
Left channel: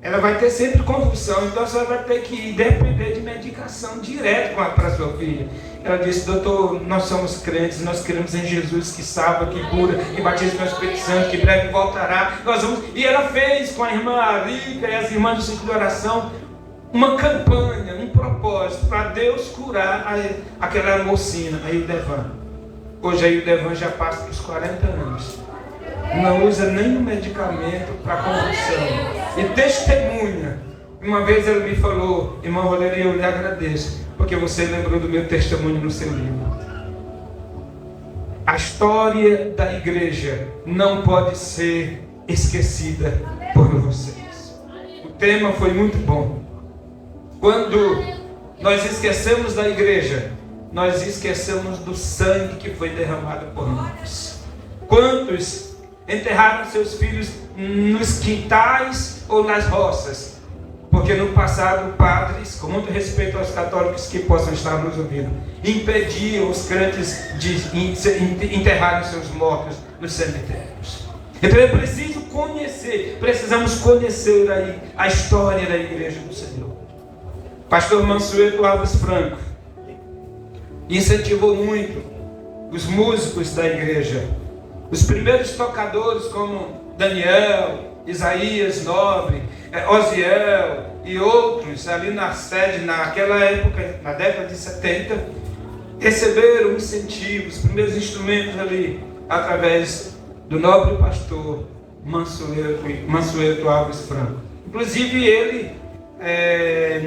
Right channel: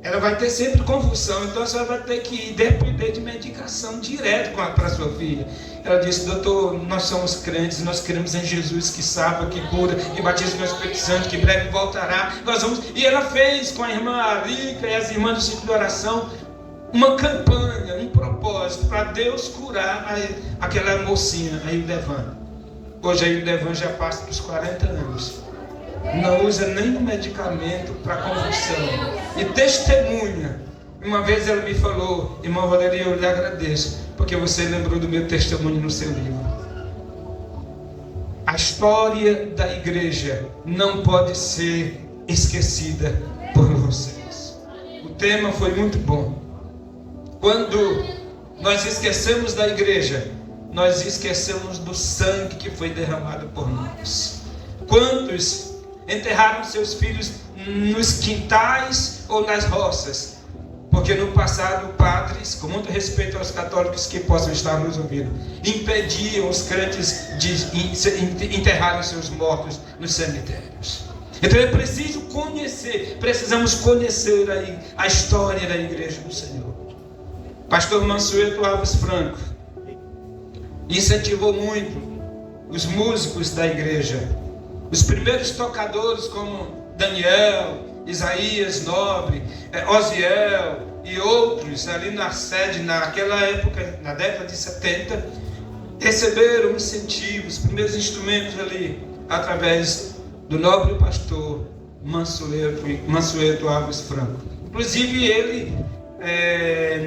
Ela vai ter sempre convulsão, então a senhora vai ter que depender de medicação direto para a sua filha. Ela disse: doutor, nós somos crentes, nós cremos em Jesus que salva, que cura, que batiza com o Espírito Santo, que breve voltará. Nós vamos. E ela fez com a irmã Arica e as irmãs do ciclo de oração uma campanha, um propósito para Deus curar aquela mocinha, a Hildevan. Hoje a Hildevan já passa dos 40 anos. Não usa nenhum medicamento para convulsão. E testemunha. Uma vez ela me falou: irmão Valerio, eu lhe agradeço, porque você lembrou do meu testemunho no seu livro. A história da igreja não pode ser esquecida por vocês. O tema foi muito bom. Quando nós esquecemos da igreja, nós esquecemos do sangue que foi derramado por nós. Quantos enterraram seus filhos nos quintais ou nas roças? Porque no passado, padres, com muito respeito aos católicos que possam estar nos ouvindo, impediam os crentes de enterrarem seus mortos nos cemitérios. Então é preciso precisamos conhecer a história da igreja do Senhor. Pastor Mansueto Alves Franco incentivou muito os músicos da igreja. Os primeiros tocadores como Daniel, Isaías Nobre, Osiel e outros ali na sede, naquela época, na década de 70, receberam incentivos, os primeiros instrumentos ali, através do nobre pastor Mansueto Alves Franco. Inclusive ele,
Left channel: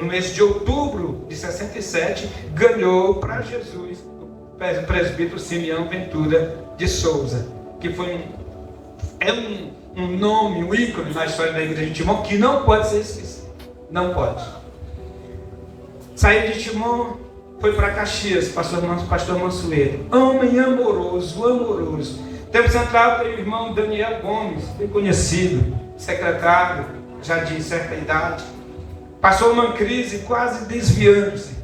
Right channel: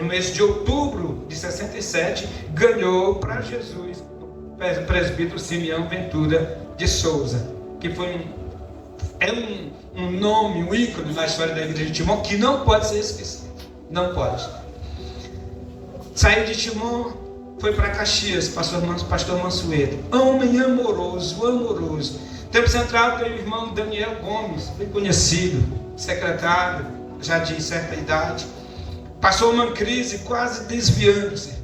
no mês de outubro de 67, ganhou para Jesus o presbítero Simeão Ventura de Souza, que foi um nome, um ícone na história da igreja de Timon, que não pode ser esquecido. Não pode. Saiu de Timon, foi para Caxias, pastor Mansueto. Homem amoroso. Tempo Central tem o irmão Daniel Gomes, bem conhecido, secretário, já de certa idade. Passou uma crise quase desviando-se.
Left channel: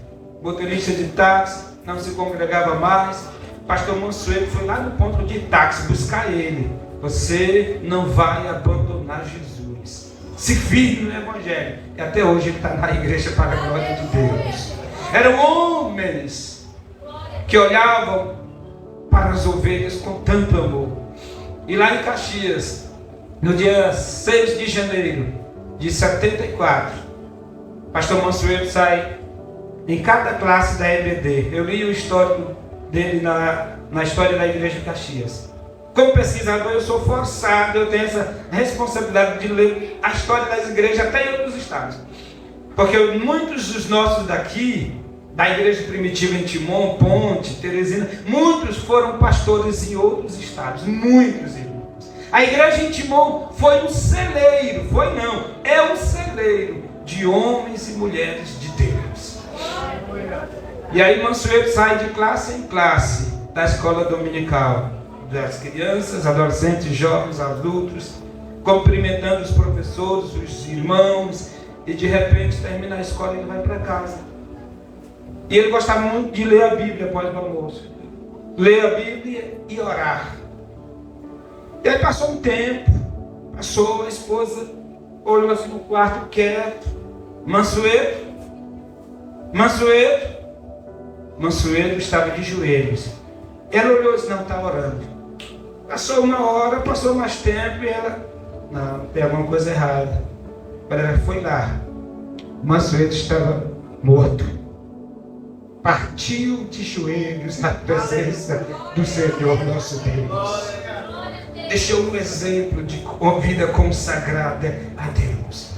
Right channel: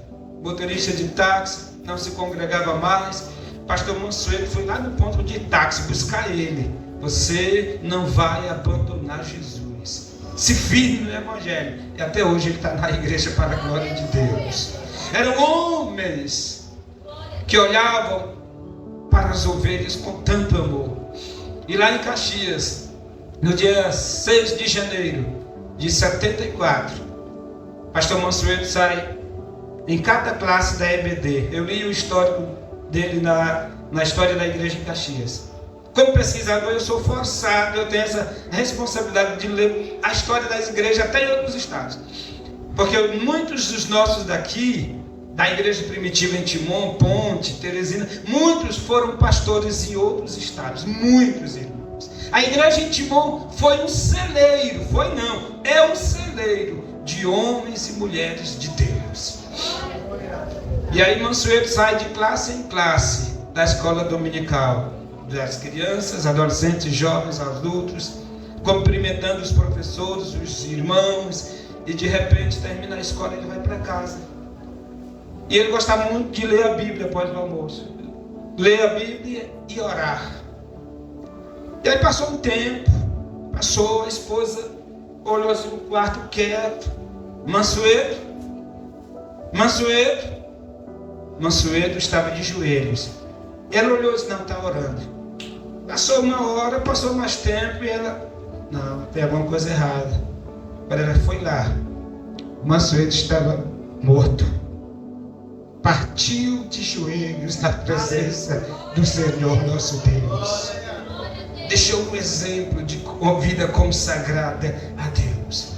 Motorista de táxi, não se congregava mais. Pastor Mansueto foi lá no ponto de táxi buscar ele. Você não vai abandonar Jesus. Se firme no Evangelho. E até hoje ele está na igreja para a glória de Deus. Eram homens que olhavam para as ovelhas com tanto amor. E lá em Caxias, no dia 6 de janeiro de 74, Pastor Mansueto sai em cada classe da EBD. Eu li o histórico dele na história da Igreja de Caxias. Como pesquisador, eu sou forçado, eu tenho essa responsabilidade de ler a história das igrejas até em outros estados. Porque muitos dos nossos daqui, da igreja primitiva em Timon, Ponte, Teresina, muitos foram pastores em outros estados, muitos irmãos. A igreja em Timon foi um celeiro, é um celeiro de homens e mulheres de Deus. E aí Mansueto sai de classe em classe da escola dominical, das crianças, adolescentes, jovens, adultos, cumprimentando os professores, os irmãos, e de repente termina a escola e ele vai para casa. E ele gostava muito de ler a Bíblia após o almoço. Ler a Bíblia e orar. E aí passou um tempo, a esposa olhou assim no quarto quieto. Mansueto estava de joelhos. Ela olhou e disse, não, está orando. Passou uma hora, passou mais tempo e ela, não, tem alguma coisa errada. Ela foi lá. Mansueto estava morto. Partiu de joelhos na presença do Senhor nosso Deus. Deixou um exemplo de vida consagrada a Deus.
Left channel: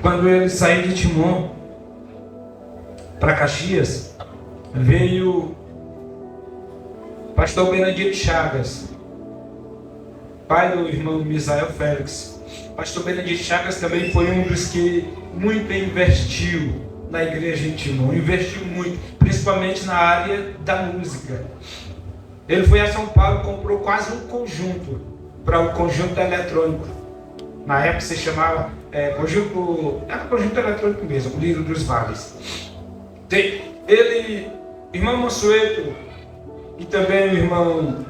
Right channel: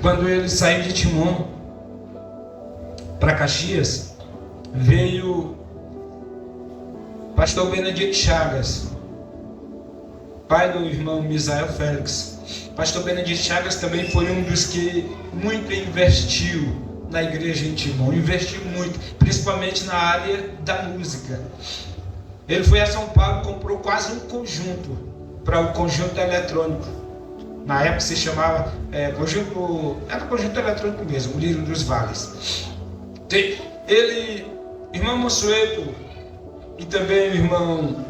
Quando ele saiu de Timon para Caxias, veio pastor Benedito Chagas, pai do irmão Misael Félix. Pastor Benedito Chagas também foi um dos que muito investiu na igreja em Timon, investiu muito, principalmente na área da música. Ele foi a São Paulo, comprou quase um conjunto para o conjunto eletrônico. Na época se chamava conjunto eletrônico mesmo, o Lírio dos Vales. Ele, irmão Mansueto e também o irmão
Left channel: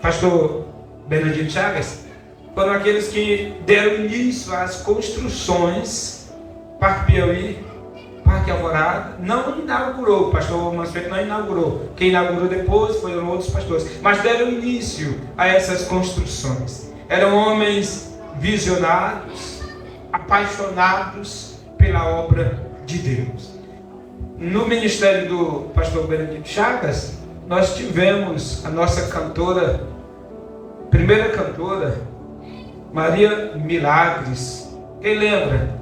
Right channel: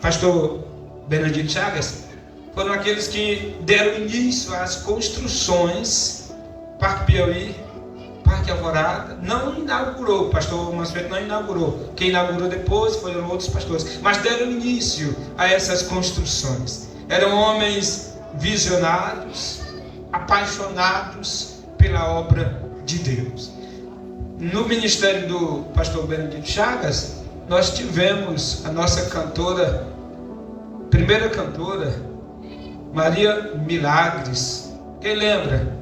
pastor Benedito Chagas foram aqueles que deram início às construções. Parque Piauí, Parque Alvorada, não inaugurou, o pastor Mansueto não inaugurou. Quem inaugurou depois foram outros pastores, mas deram início a essas construções. Eram homens visionários, apaixonados pela obra de Deus. No ministério do pastor Benedito Chagas, nós tivemos a nossa cantora, primeira cantora, Maria Milagres. Quem lembra?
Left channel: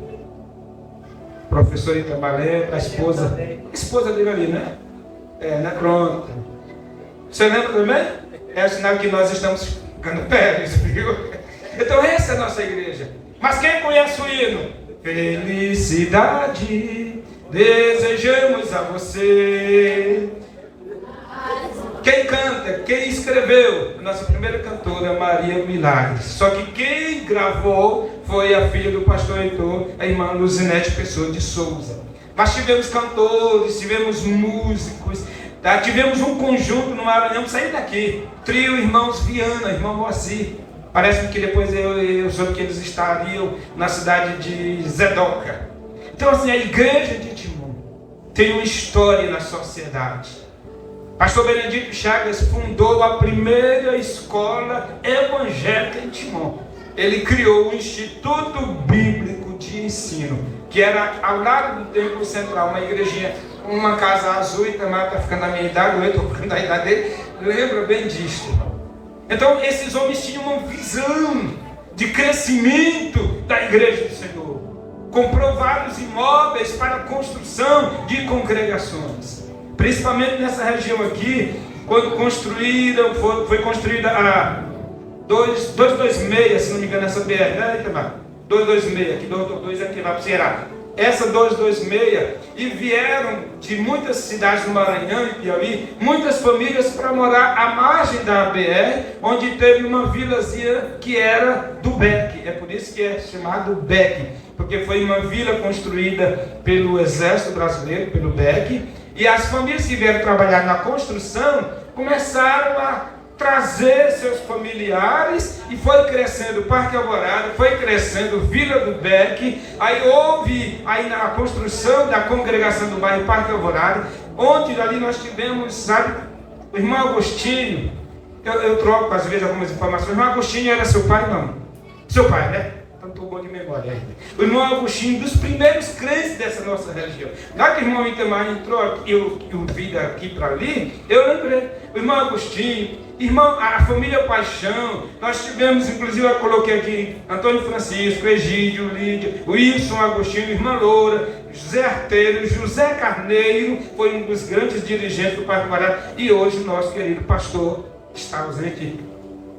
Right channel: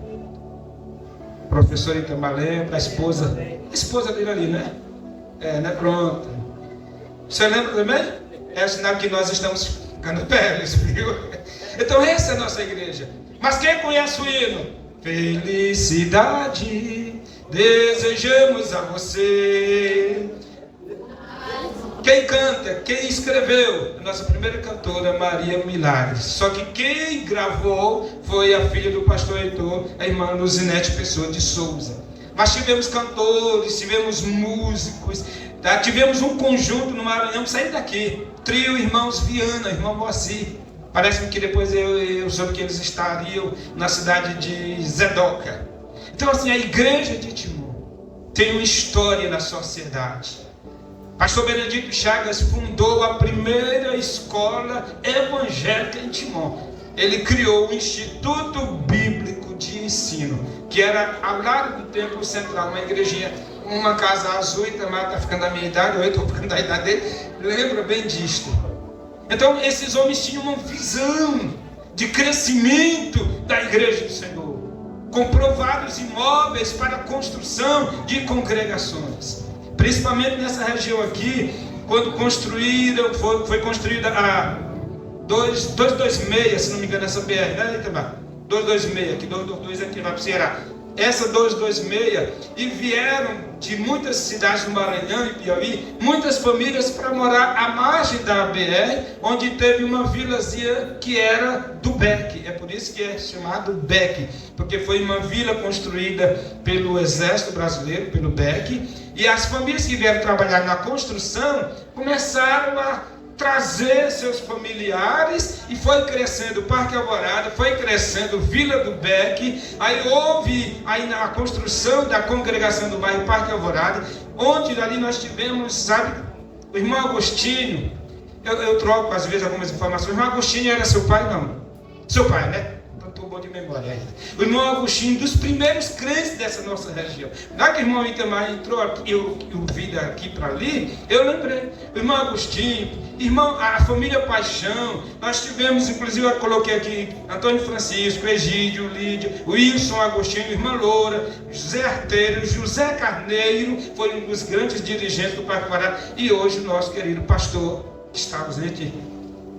Professora Itamalé, a esposa dele ali, né? Né? Pronto. Você lembra também? É o sinal que nós estamos ficando velhos, viu? Então essa é a nossa igreja. Mas quem conhece o hino? Felicidade desejamos a você. Quem canta, quem escreveu? A nossa primeira cantora, Maria Milagres. Só que quem gravou foi a filha do pastor Heitor, a irmã Luzinete Pessoa de Souza. Nós tivemos cantores, tivemos músicos, tá? Tivemos um conjunto no Maranhão, saí daqui, trio Irmãos Viana, irmão Moacir. Parece-me que depois eu soube que eles estariam na cidade de Zedoca. Então assim, a igreja de Timon tem uma história na sociedade. Pastor Benedito Chagas fundou a primeira escola evangélica em Timon. Ele criou o Instituto Bíblico de Ensino, que era ao lado do Templo Central, uma igrejinha, uma casa azul, e também está ficando da minha idade, eu estou ficando da idade dele, lembro bem disto. Então esses homens tinham uma visão de crescimento da igreja do Senhor. Comprou vários imóveis para a construção de congregações. Principalmente nessa região aqui, quando foi construída a 226, se não me engano, essa BR, né, Itamar? 226, que 222 é que vai para o Ceará. Essa 226, e vieram de muitas cidades do Maranhão e Piauí, muitas famílias para morar à margem da BR, onde teve uma vilazinha que era do Beck. É por isso que é chamado Beck, porque foi uma vila construída pelo Exército Brasileiro, pelo Beck, e as famílias que vieram trabalhar na construção começaram a trazer seus familiares, e foi crescendo o Parque Alvorada, foi crescendo Vila do Beck. Aí houve a construção da congregação do bairro Parque Alvorada, onde ali nós tivemos, sabe, o irmão Agostinho. Eu troco às vezes algumas informações. O irmão Agostinho era seu pai? Não. Seu pai, né? Então estou bom de memória ainda. O irmão Agostinho, dos primeiros crentes dessa nossa região. Já que o irmão Itamar entrou aqui, eu vi daqui para ali, eu lembrei. O irmão Agostinho, irmão, a família Paixão, nós tivemos, inclusive eu coloquei aqui, Antônio Francisco, Egídio, Lídia, Wilson Agostinho, irmã Loura, José Arteiro, José Carneiro, foi um dos grandes dirigentes do Parque Pará, e hoje o nosso querido pastor está ausente,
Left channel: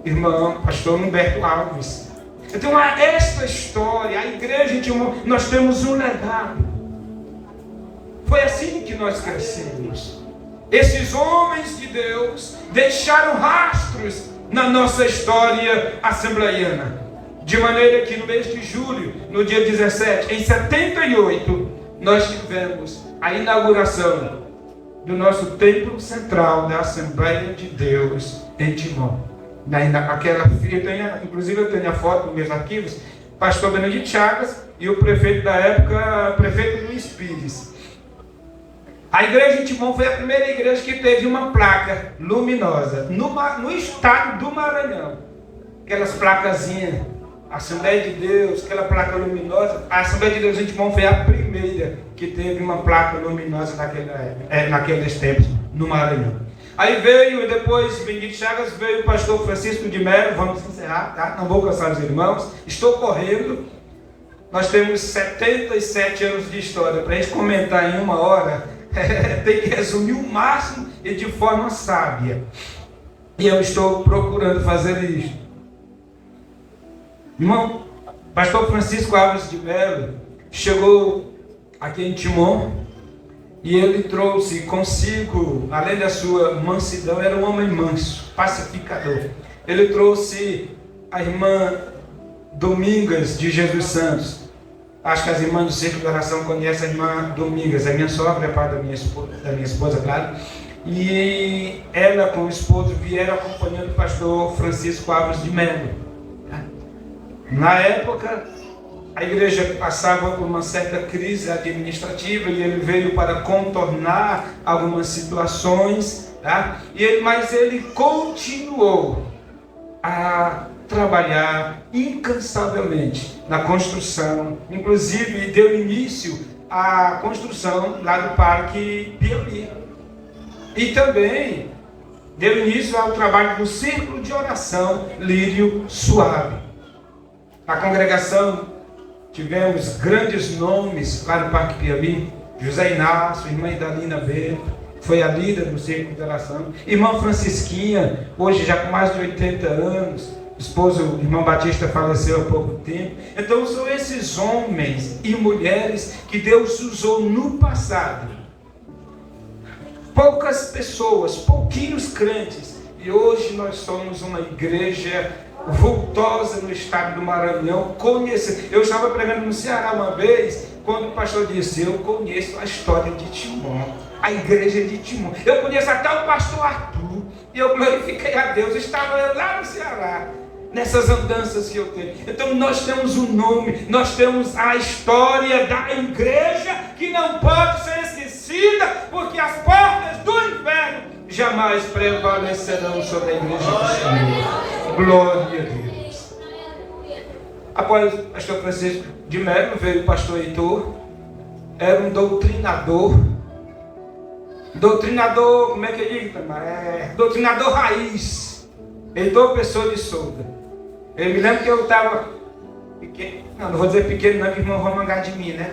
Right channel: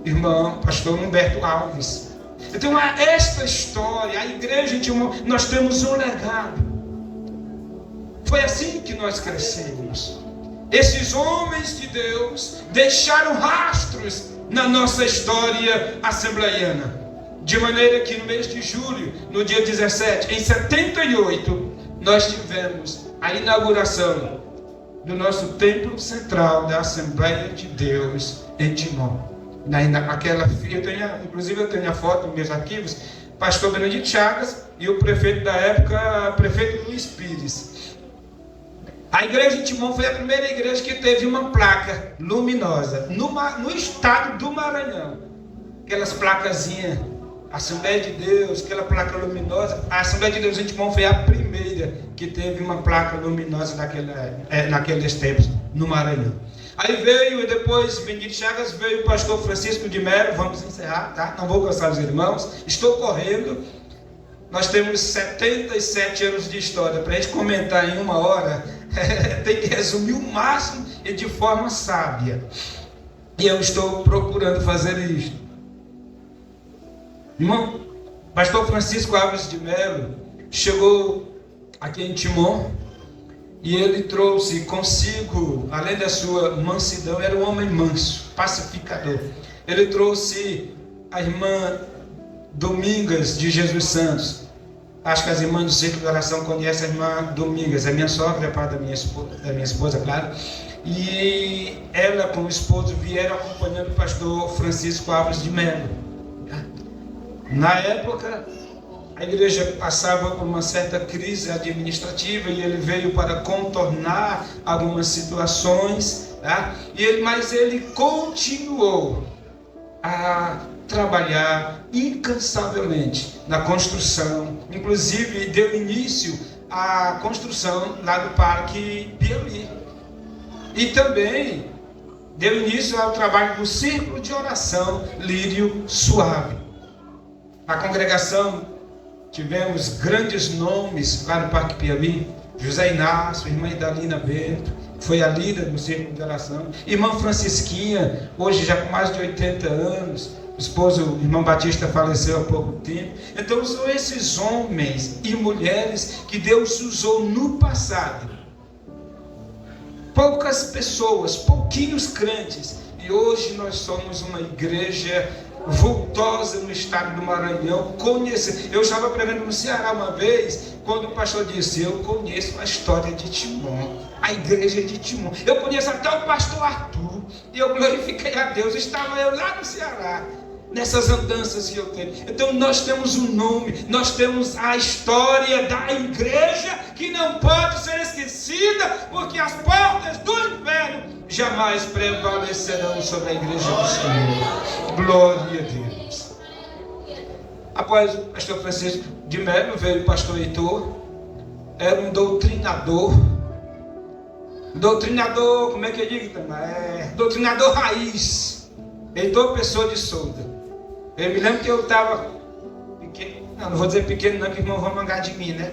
irmão, pastor Humberto Alves. Então, esta história, a igreja, nós temos um legado. Foi assim que nós crescemos. Esses homens de Deus deixaram rastros na nossa história assembleiana. De maneira que no mês de julho, no dia 17, em 78, nós tivemos a inauguração do nosso templo central da Assembleia de Deus em Timon. Inclusive eu tenho a foto nos meus arquivos, pastor Benedito Chagas e o prefeito da época, prefeito Luiz Pires. A igreja de Timon foi a primeira igreja que teve uma placa luminosa no estado do Maranhão. Aquelas placazinhas, Assembleia de Deus, aquela placa luminosa. A Assembleia de Deus em Timon foi a primeira que teve uma placa luminosa naqueles tempos no Maranhão. Aí veio, depois, Benedito Chagas, veio o pastor Francisco de Melo. Vamos encerrar, tá? Não vou cansar os irmãos, estou correndo. Nós temos 77 anos de história. Para a gente comentar em uma hora, tem que resumir o máximo e de forma sábia. E eu estou procurando fazer isso. Irmão, pastor Francisco Alves de Melo chegou aqui em Timon. E ele trouxe consigo, além da sua mansidão, era um homem manso, pacificador. Ele trouxe a irmã Domingas de Jesus Santos. Acho que as irmãs do Círculo de Oração conhecem a irmã Domingas, é minha sogra, é pai da minha esposa, claro. E ela com o esposo vieram acompanhando o pastor Francisco Alves de Melo. Na época, a igreja passava por uma certa crise administrativa e ele veio para contornar algumas situações, tá? Mas ele continuou a trabalhar incansavelmente na construção, inclusive deu início à construção lá do Parque Piauí. E também deu início ao trabalho do Círculo de Oração Lírio Suave. Na congregação tivemos grandes nomes lá no Parque Piauí. José Inácio, irmã Idalina Bento, foi a líder do Círculo de Oração. Irmã Francisquinha, hoje já com mais de 80 anos, esposo, o irmão Batista, faleceu há pouco tempo. Então são esses homens e mulheres que Deus usou no passado. Poucas pessoas, pouquinhos crentes, e hoje nós somos uma igreja vultosa no estado do Maranhão. Eu estava pregando no Ceará uma vez, quando o pastor disse: eu conheço a história de Timon, a igreja de Timon, eu conheço até o pastor Arthur, e eu glorifiquei a Deus. Estava eu lá no Ceará, nessas andanças que eu tenho. Então nós temos um nome, nós temos a história da igreja que não pode ser esquecida, porque as portas do inferno jamais prevalecerão sobre a igreja do Senhor. Glória a Deus. Após o pastor Francisco de Melo, veio o pastor Heitor. Era um doutrinador. Doutrinador, como é que eu digo, Tamar? Doutrinador raiz. Heitor Pessoa de Souza. Eu me lembro que eu estava pequeno. Não vou dizer pequeno não, que irmão vão mangar de mim, né?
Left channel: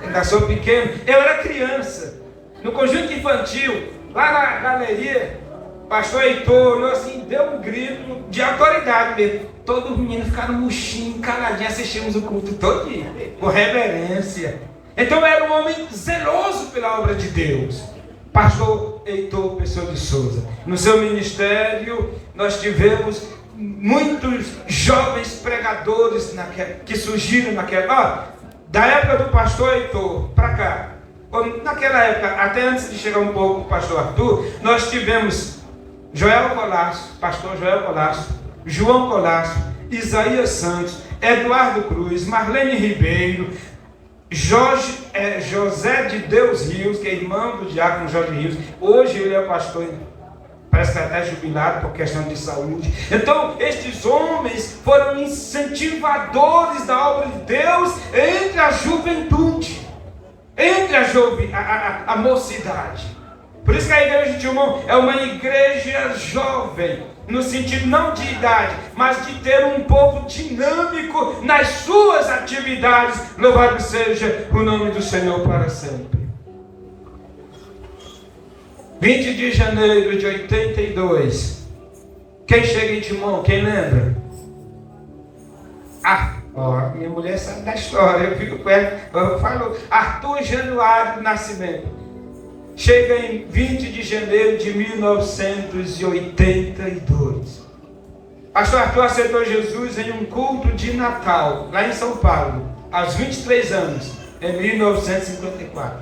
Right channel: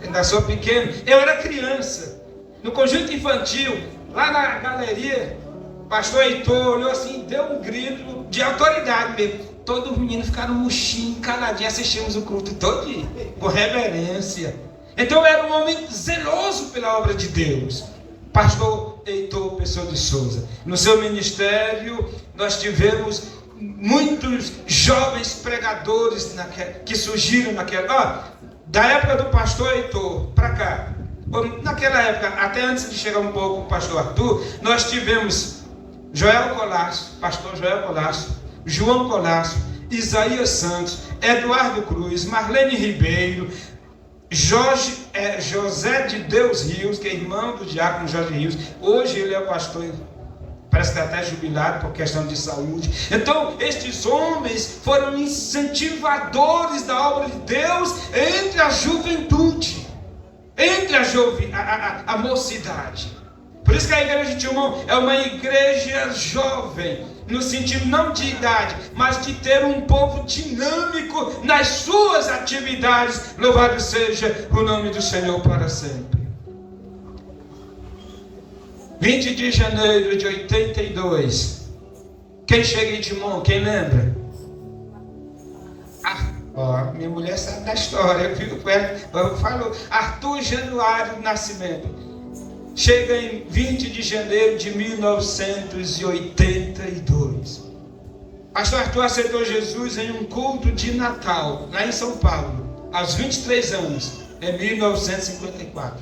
Eu ainda sou pequeno. Eu era criança. No conjunto infantil, lá na galeria, pastor Heitor olhou assim, deu um grito de autoridade mesmo. Todos os meninos ficaram murchinhos, caladinhos, assistimos o culto todo dia, com reverência. Então era um homem zeloso pela obra de Deus. Pastor Heitor Pessoa de Souza. No seu ministério, nós tivemos muitos jovens pregadores que surgiram da época do pastor Heitor para cá. Naquela época, até antes de chegar um pouco o pastor Arthur, nós tivemos Joel Colasso, pastor Joel Colasso, João Colasso, Isaías Santos, Eduardo Cruz, Marlene Ribeiro, José de Deus Rios, que é irmão do diácono Jorge Rios. Hoje ele é pastor parece que está até jubilado por questão de saúde. Então, estes homens foram incentivadores da obra de Deus entre a juventude, entre a mocidade. Por isso que a igreja de Timon é uma igreja jovem, no sentido não de idade, mas de ter um povo dinâmico nas suas atividades. Louvado seja o nome do Senhor para sempre. 20 de janeiro de 82. Quem chega em Timon? Quem lembra? Minha mulher sabe da história. Eu fico com ela. Eu falo Arthur Januário Nascimento. Chega em 20 de janeiro de 1982. Pastor Arthur aceitou Jesus em um culto de Natal, lá em São Paulo, aos 23 anos, em 1954.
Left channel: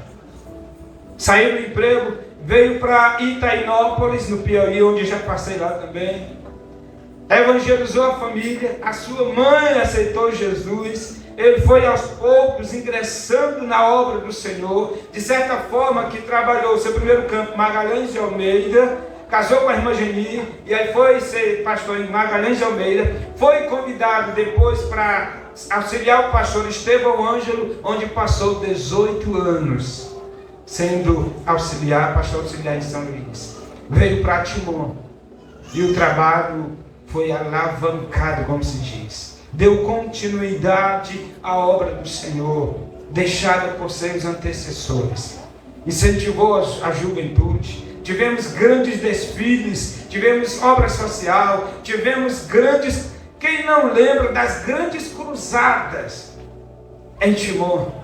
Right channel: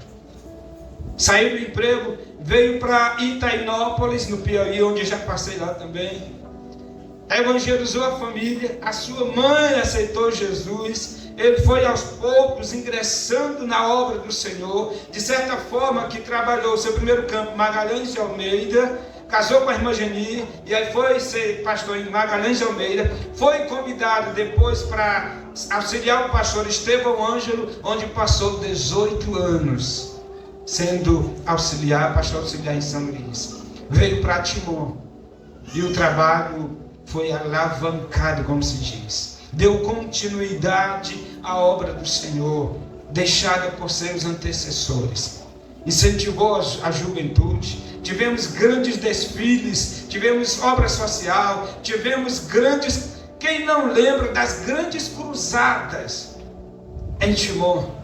Saiu do emprego, veio para Itainópolis, no Piauí, onde já passei lá também. Evangelizou a família, a sua mãe aceitou Jesus. Ele foi aos poucos ingressando na obra do Senhor, de certa forma que trabalhou seu primeiro campo, Magalhães de Almeida, casou com a irmã Geni, e aí foi ser pastor em Magalhães de Almeida, foi convidado depois para auxiliar o pastor Estevão Ângelo, onde passou 18 anos, sendo pastor auxiliar em São Luís. Veio para Timon, e o trabalho foi alavancado, como se diz. Deu continuidade à obra do Senhor, deixada por seus antecessores. Incentivou a juventude. Tivemos grandes desfiles, tivemos obra social, tivemos grandes... Quem não lembra das grandes cruzadas em Timon?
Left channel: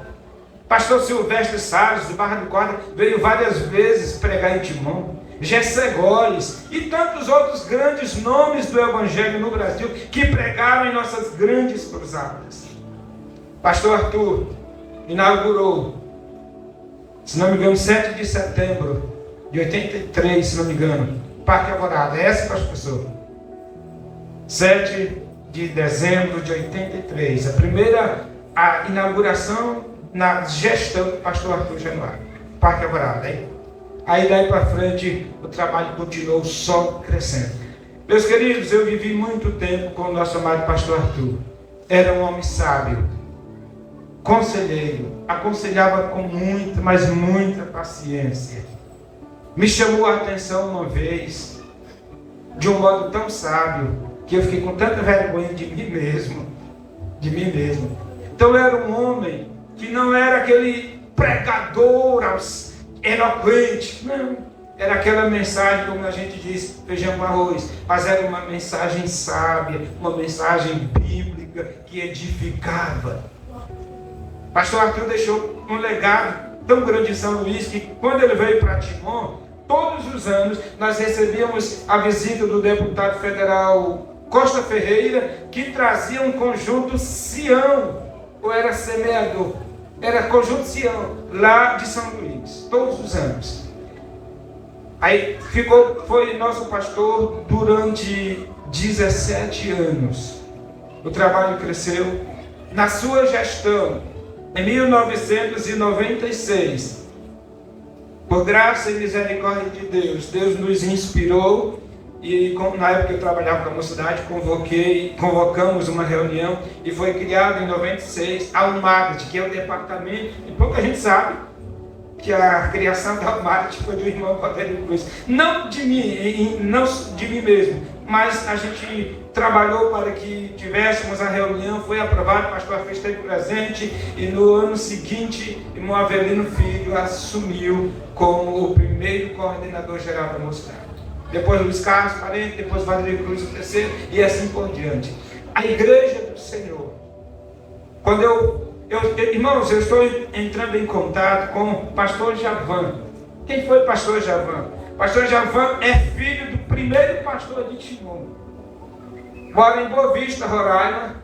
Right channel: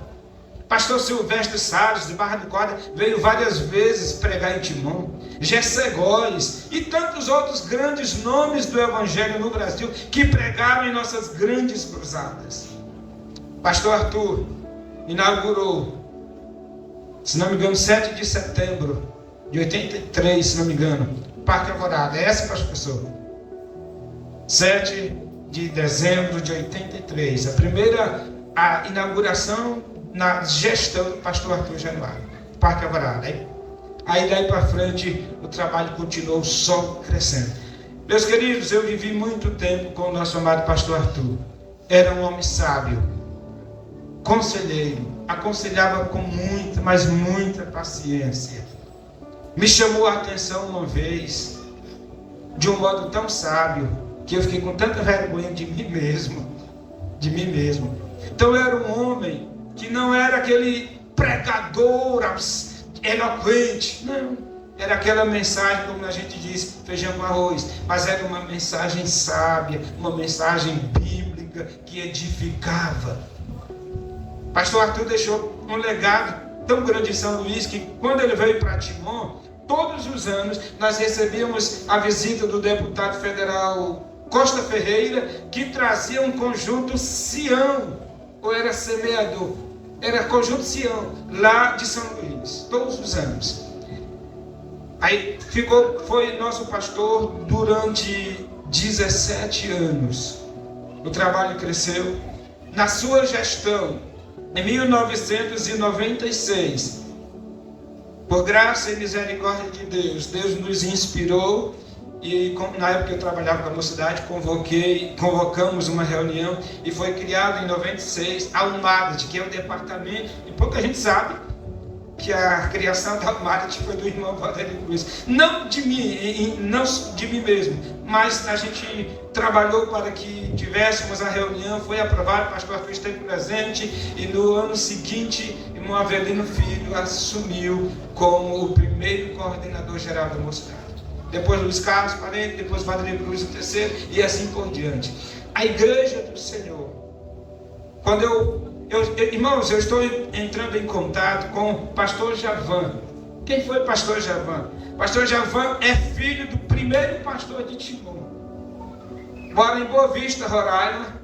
Pastor Silvestre Salles, de Barra do Corda, veio várias vezes pregar em Timon. Gessé Góes e tantos outros grandes nomes do Evangelho no Brasil que pregaram em nossas grandes cruzadas. Pastor Arthur inaugurou, se não me engano, 7 de setembro de 83, se não me engano, Parque Alvorada. É essa, professor? 7 de dezembro de 83, a inauguração na gestão do pastor Arthur Januário, Parque Alvorada. Aí daí para frente o trabalho continuou só crescendo. Meus queridos, eu vivi muito tempo com o nosso amado pastor Arthur. Era um homem sábio, conselheiro, aconselhava com muita, mas muita paciência. Me chamou a atenção uma vez, de um modo tão sábio, que eu fiquei com tanta vergonha de mim mesmo. Então eu era um homem que não era aquele pregador eloquente, não, era aquela mensagem, como a gente diz, feijão com arroz, mas era uma mensagem sábia, uma mensagem bíblica que edificava. Pastor Arthur deixou um legado tão grande em São Luís que quando ele veio para Timon, todos os anos nós recebíamos a visita do deputado federal Costa Ferreira, que trazia um conjunto Sião, ou era semeador, era conjunto Sião, lá de São Luís, todos os anos. Aí foi nosso pastor durante 17 anos. O trabalho cresceu. Na sua gestão, em 1996, por graça e misericórdia de Deus, Deus nos inspirou. E na época eu trabalhava com a mocidade, convocamos uma reunião e foi criado em 96 a UMADT, que é o departamento, e pouca gente sabe que a criação da UMADT foi do irmão Valdério Cruz. Não de mim mesmo, mas a gente trabalhou para que tivéssemos a reunião, foi aprovado, o pastor Arthur esteve presente, e no ano seguinte, o irmão Avelino Filho assumiu como o primeiro coordenador geral da mocidade. Depois Luiz Carlos, parente, depois Valdério Cruz, o terceiro, e assim por diante. A igreja do Senhor. Quando irmãos, eu estou entrando em contato com o pastor Javan. Quem foi o pastor Javan? Pastor Javan é filho do primeiro pastor de Timon. Mora em Boa Vista, Roraima.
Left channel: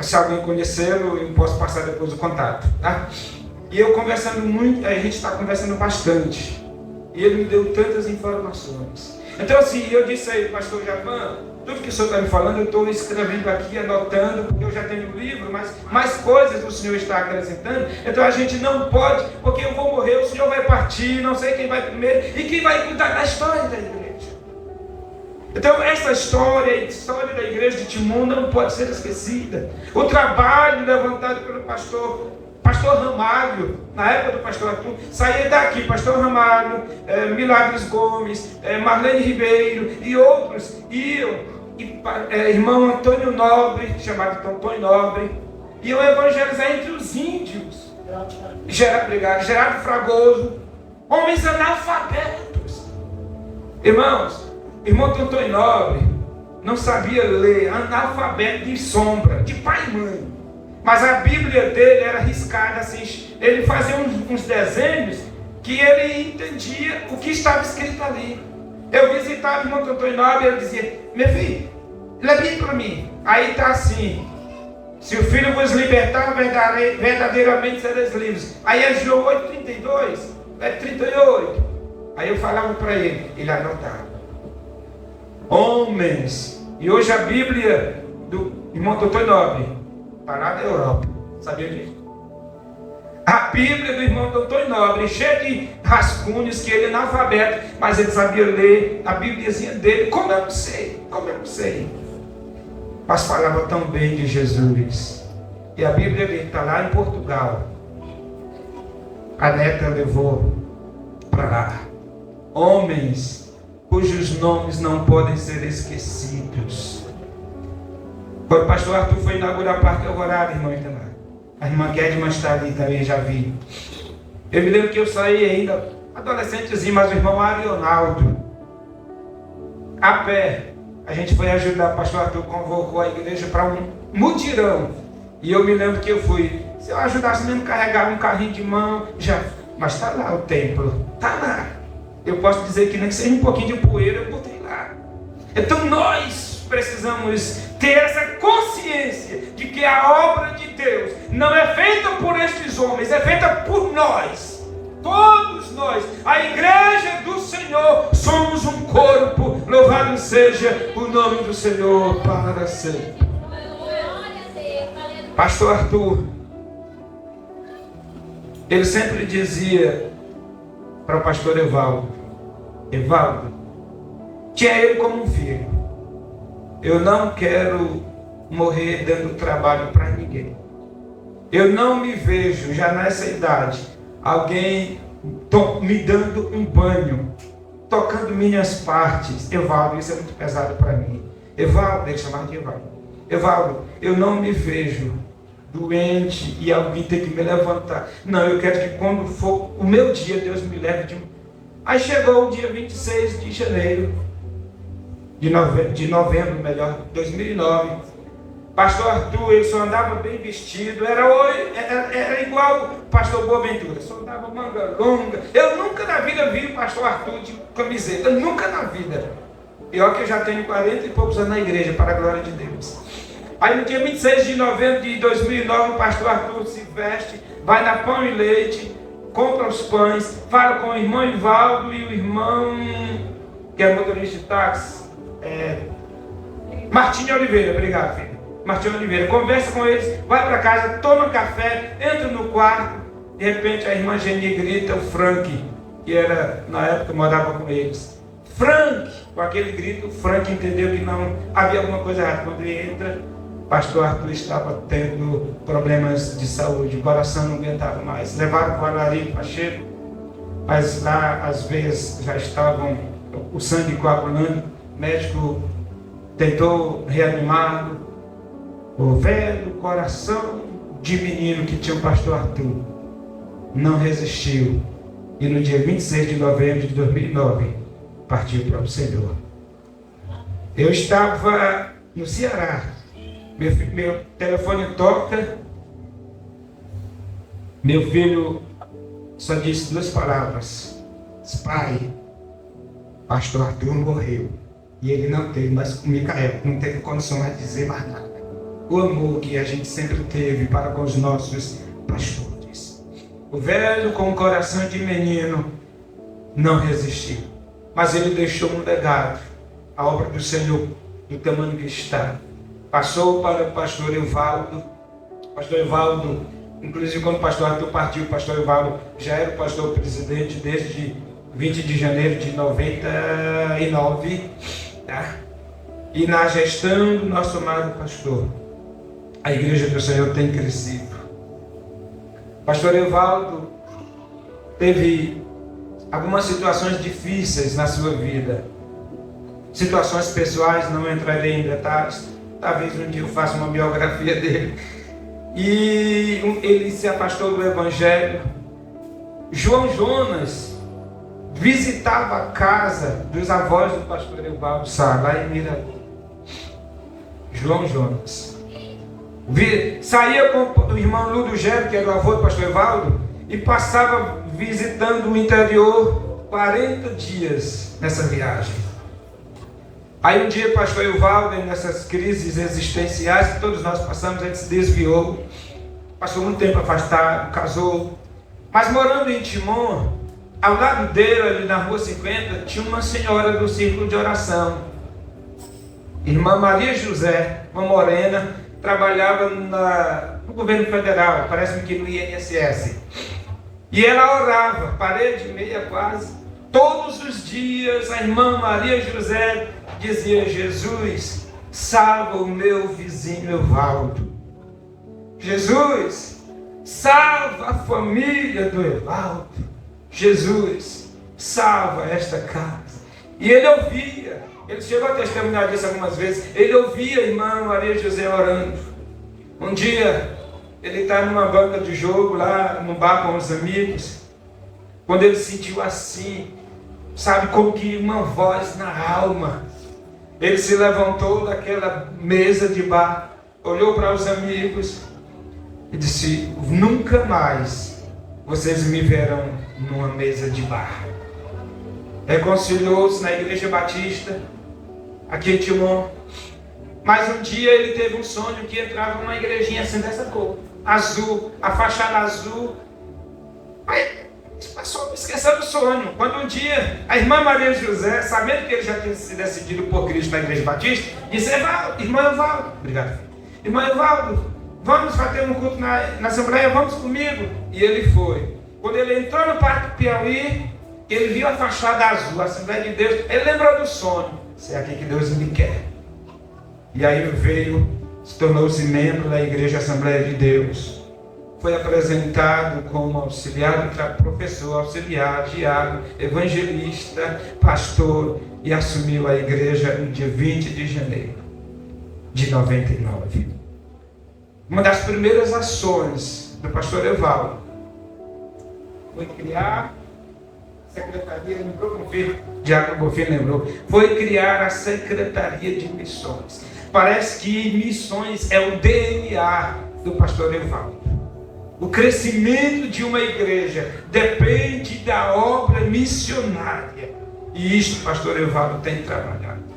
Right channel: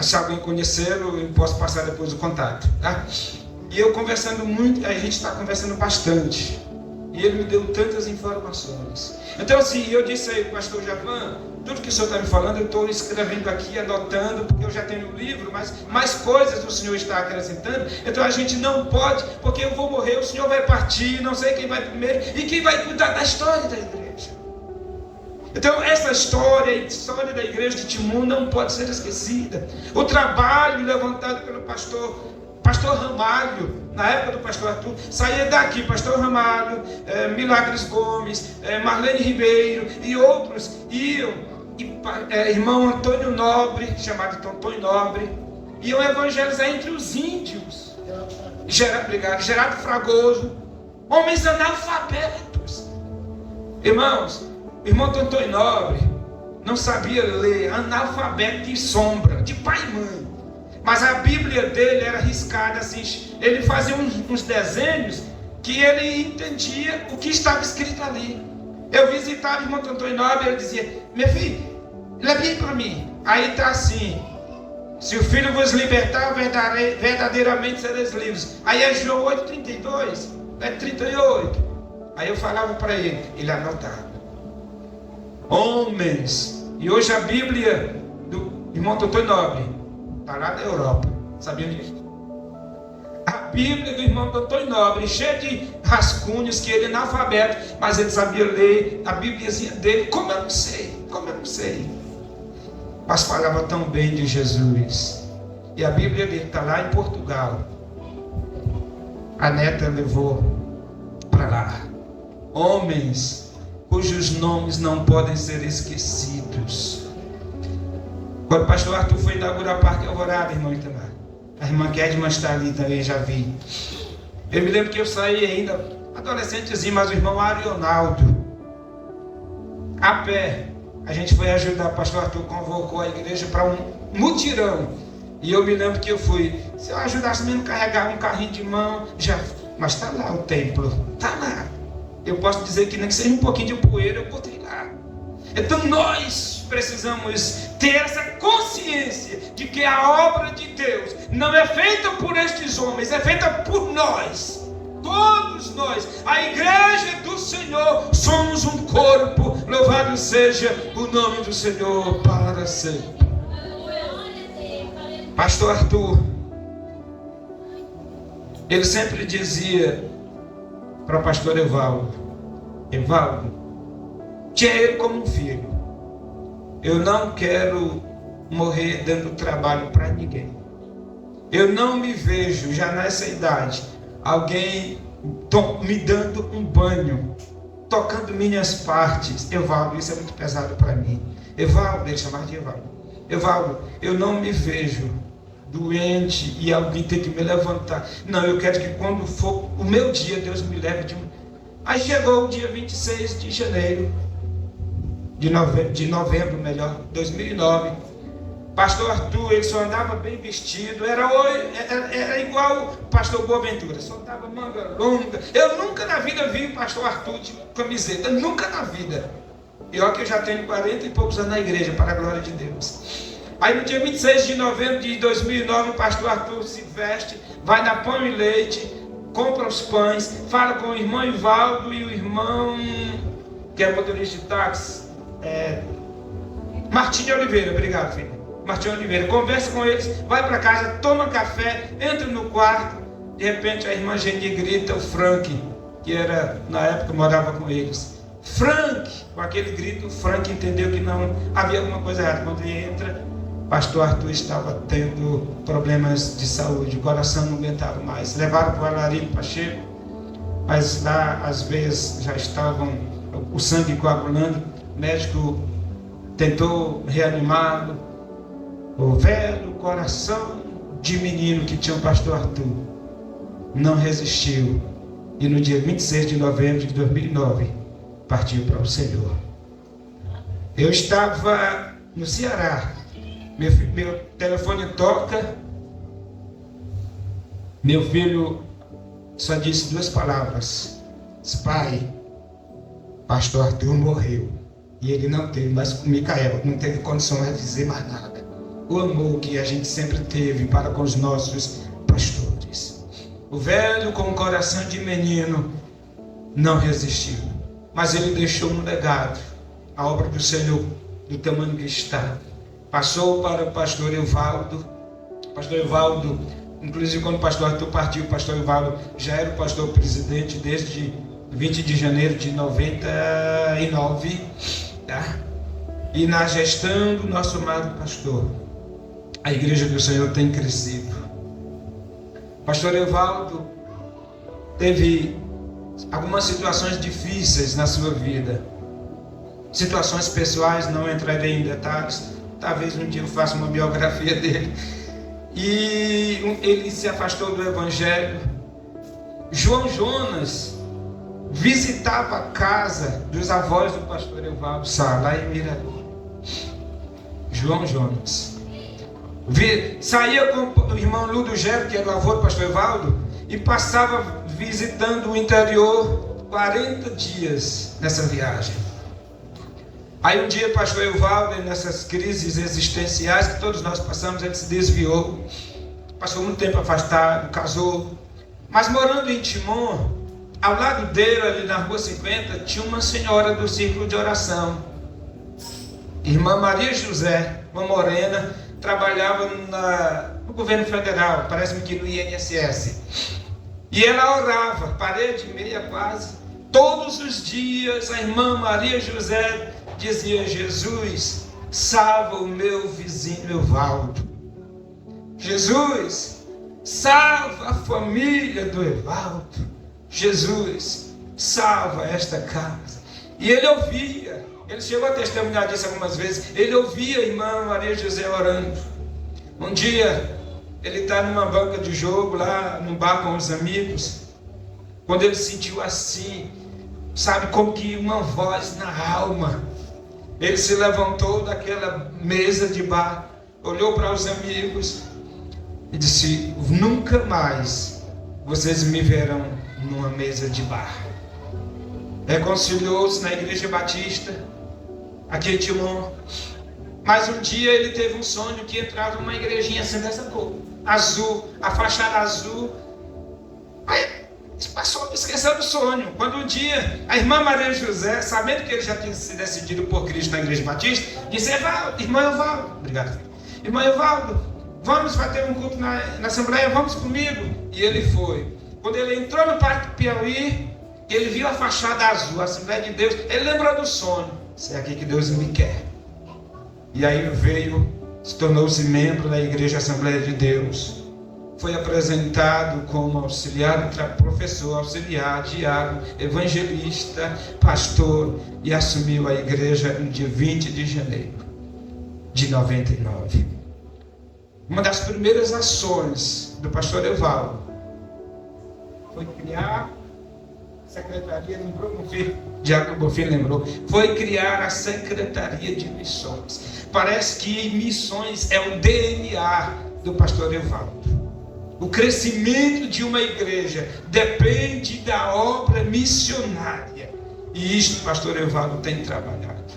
Se alguém conhecê-lo, eu posso passar depois o contato. Tá? E eu conversando muito, a gente está conversando bastante. E ele me deu tantas informações. Então assim, eu disse aí, pastor Javan, tudo que o senhor está me falando, eu estou escrevendo aqui, anotando, porque eu já tenho um livro, mas mais coisas o senhor está acrescentando. Então a gente não pode, porque eu vou morrer, o senhor vai partir, não sei quem vai primeiro, e quem vai cuidar da história da igreja. Então essa história, a história da igreja de Timon não pode ser esquecida. O trabalho levantado pelo pastor Ramalho, na época do pastor Arthur, saía daqui, pastor Ramalho, Milagres Gomes, Marlene Ribeiro e outros iam, irmão Antônio Nobre, chamado Antônio Nobre, iam evangelizar entre os índios. Gerardo Fragoso, homens analfabetos. Irmãos, irmão Antônio Nobre não sabia ler, analfabeto de sombra, de pai e mãe. Mas a Bíblia dele era riscada assim, ele fazia uns desenhos que ele entendia o que estava escrito ali. Eu visitava o irmão Antônio Nobre e ele dizia, meu filho, lê bem para mim. Aí está assim, se o Filho vos libertar, verdadeiramente sereis livres. Aí é João 8,32, 38. Aí eu falava para ele anotava. Homens, e hoje a Bíblia do irmão Antônio Nobre está lá na Europa, sabia disso? A Bíblia do irmão Antônio Nobre, cheia de rascunhos, que ele é analfabeto, mas ele sabia ler a Bíbliazinha dele, como eu não sei. Mas falava tão bem de Jesus. E a Bíblia dele está lá em Portugal. A neta levou para lá. Homens cujos nomes não podem ser esquecidos. Quando o pastor Arthur foi inaugurar o Parque Alvorada, irmão Itamar, a irmã Kedma está ali também, já vi. Eu me lembro que eu saí ainda, adolescentezinho, mas o irmão Arionaldo, a pé, a gente foi ajudar, o pastor Arthur convocou a igreja para um mutirão. E eu me lembro que eu fui, se eu ajudasse mesmo a carregar um carrinho de mão, já, mas está lá o templo, está lá. Eu posso dizer que nem que seja um pouquinho de poeira, eu botei lá. Então nós precisamos ter essa consciência de que a obra de Deus não é feita por estes homens, é feita por nós. Todos nós, a igreja do Senhor, somos um corpo. Louvado seja o nome do Senhor para sempre. Pastor Arthur, ele sempre dizia para o pastor Evaldo, tinha ele como um filho. Eu não quero morrer dando trabalho para ninguém. Eu não me vejo, já nessa idade, alguém me dando um banho, tocando minhas partes. Evaldo, isso é muito pesado para mim. Evaldo, ele chamava de Evaldo. Evaldo, eu não me vejo doente e alguém tem que me levantar. Não, eu quero que quando for o meu dia, Deus me leve de... Aí chegou o dia 26 de janeiro, de novembro, 2009. Pastor Arthur, ele só andava bem vestido, era igual o pastor Boaventura, só andava manga longa. Eu nunca na vida vi o pastor Arthur de camiseta, nunca na vida. E olha que eu já tenho 40 e poucos anos na igreja, para a glória de Deus. Aí no dia 26 de novembro de 2009, o pastor Arthur se veste, vai na Pão e Leite, compra os pães, fala com o irmão Ivaldo e o irmão, que é motorista de táxi, Martinho Oliveira, obrigado filho, Martinho Oliveira, conversa com eles, vai para casa, toma café, entra no quarto, de repente a irmã Geni grita, o Frank, que era, na época, morava com eles, Frank, com aquele grito, o Frank entendeu que não havia alguma coisa errada. Quando ele entra, pastor Arthur estava tendo problemas de saúde, o coração não aguentava mais, levaram para o Alarico Pacheco, mas lá as veias já estavam, o sangue coagulando, o médico tentou reanimá-lo. O velho coração de menino que tinha o pastor Arthur não resistiu, e no dia 26 de novembro de 2009 partiu para o Senhor. Eu estava no Ceará, meu telefone toca, meu filho só disse 2 palavras: pai, pastor Arthur morreu. E ele não teve mais com Micael, não teve condições de dizer mais nada. O amor que a gente sempre teve para com os nossos pastores. O velho com o coração de menino não resistiu. Mas ele deixou um legado, a obra do Senhor, do tamanho que está. Passou para o pastor Evaldo. Pastor Evaldo, inclusive quando o pastor Arthur partiu, o pastor Evaldo já era o pastor presidente desde 20 de janeiro de 99, tá? E na gestão do nosso amado pastor, a igreja do Senhor tem crescido. Pastor Evaldo teve algumas situações difíceis na sua vida, situações pessoais, não entrarei em detalhes, talvez um dia eu faça uma biografia dele. E ele se afastou do evangelho. João Jonas visitava a casa dos avós do pastor Evaldo Sá, lá em Miraú. João Jonas saía com o irmão Ludo Gero, que era o avô do pastor Evaldo, e passava visitando o interior 40 dias nessa viagem. Aí um dia o pastor Evaldo, nessas crises existenciais que todos nós passamos, ele se desviou, passou muito tempo afastado, casou, mas morando em Timon, ao lado dele, ali na rua 50, tinha uma senhora do círculo de oração, irmã Maria José, uma morena, trabalhava no governo federal, parece-me que no INSS, e ela orava, parede e meia quase, todos os dias. A irmã Maria José dizia: Jesus, salva o meu vizinho Evaldo. Jesus, salva a família do Evaldo. Jesus, salva esta casa. E ele ouvia, ele chegou a testemunhar disso algumas vezes, ele ouvia a irmã Maria José orando. Um dia, ele está numa banca de jogo, lá no bar com os amigos, quando ele sentiu assim, sabe, como que uma voz na alma. Ele se levantou daquela mesa de bar, olhou para os amigos e disse: nunca mais vocês me verão numa mesa de bar. Reconciliou-se na Igreja Batista, aqui em Timon. Mas um dia ele teve um sonho que entrava numa igrejinha assim dessa cor, azul, a fachada azul. Aí passou, esqueceu do sonho. Quando um dia a irmã Maria José, sabendo que ele já tinha se decidido por Cristo na Igreja Batista, disse: irmão Evaldo, obrigado, irmão Evaldo, vamos fazer um culto na Assembleia, vamos comigo? E ele foi. Quando ele entrou no Parque do Piauí, ele viu a fachada azul, a Assembleia de Deus, ele lembrou do sonho: isso é aqui que Deus me quer. E aí veio, se tornou-se membro da Igreja Assembleia de Deus. Foi apresentado como auxiliar, professor, auxiliar, diácono, evangelista, pastor, e assumiu a igreja no dia 20 de janeiro de 99. Uma das primeiras ações do pastor Evaldo foi criar a secretaria, lembrou, Diácono Bonfim lembrou, foi criar a Secretaria de Missões. Parece que missões é o DNA do pastor Evaldo. O crescimento de uma igreja depende da obra missionária. E isto o pastor Evaldo tem trabalhado.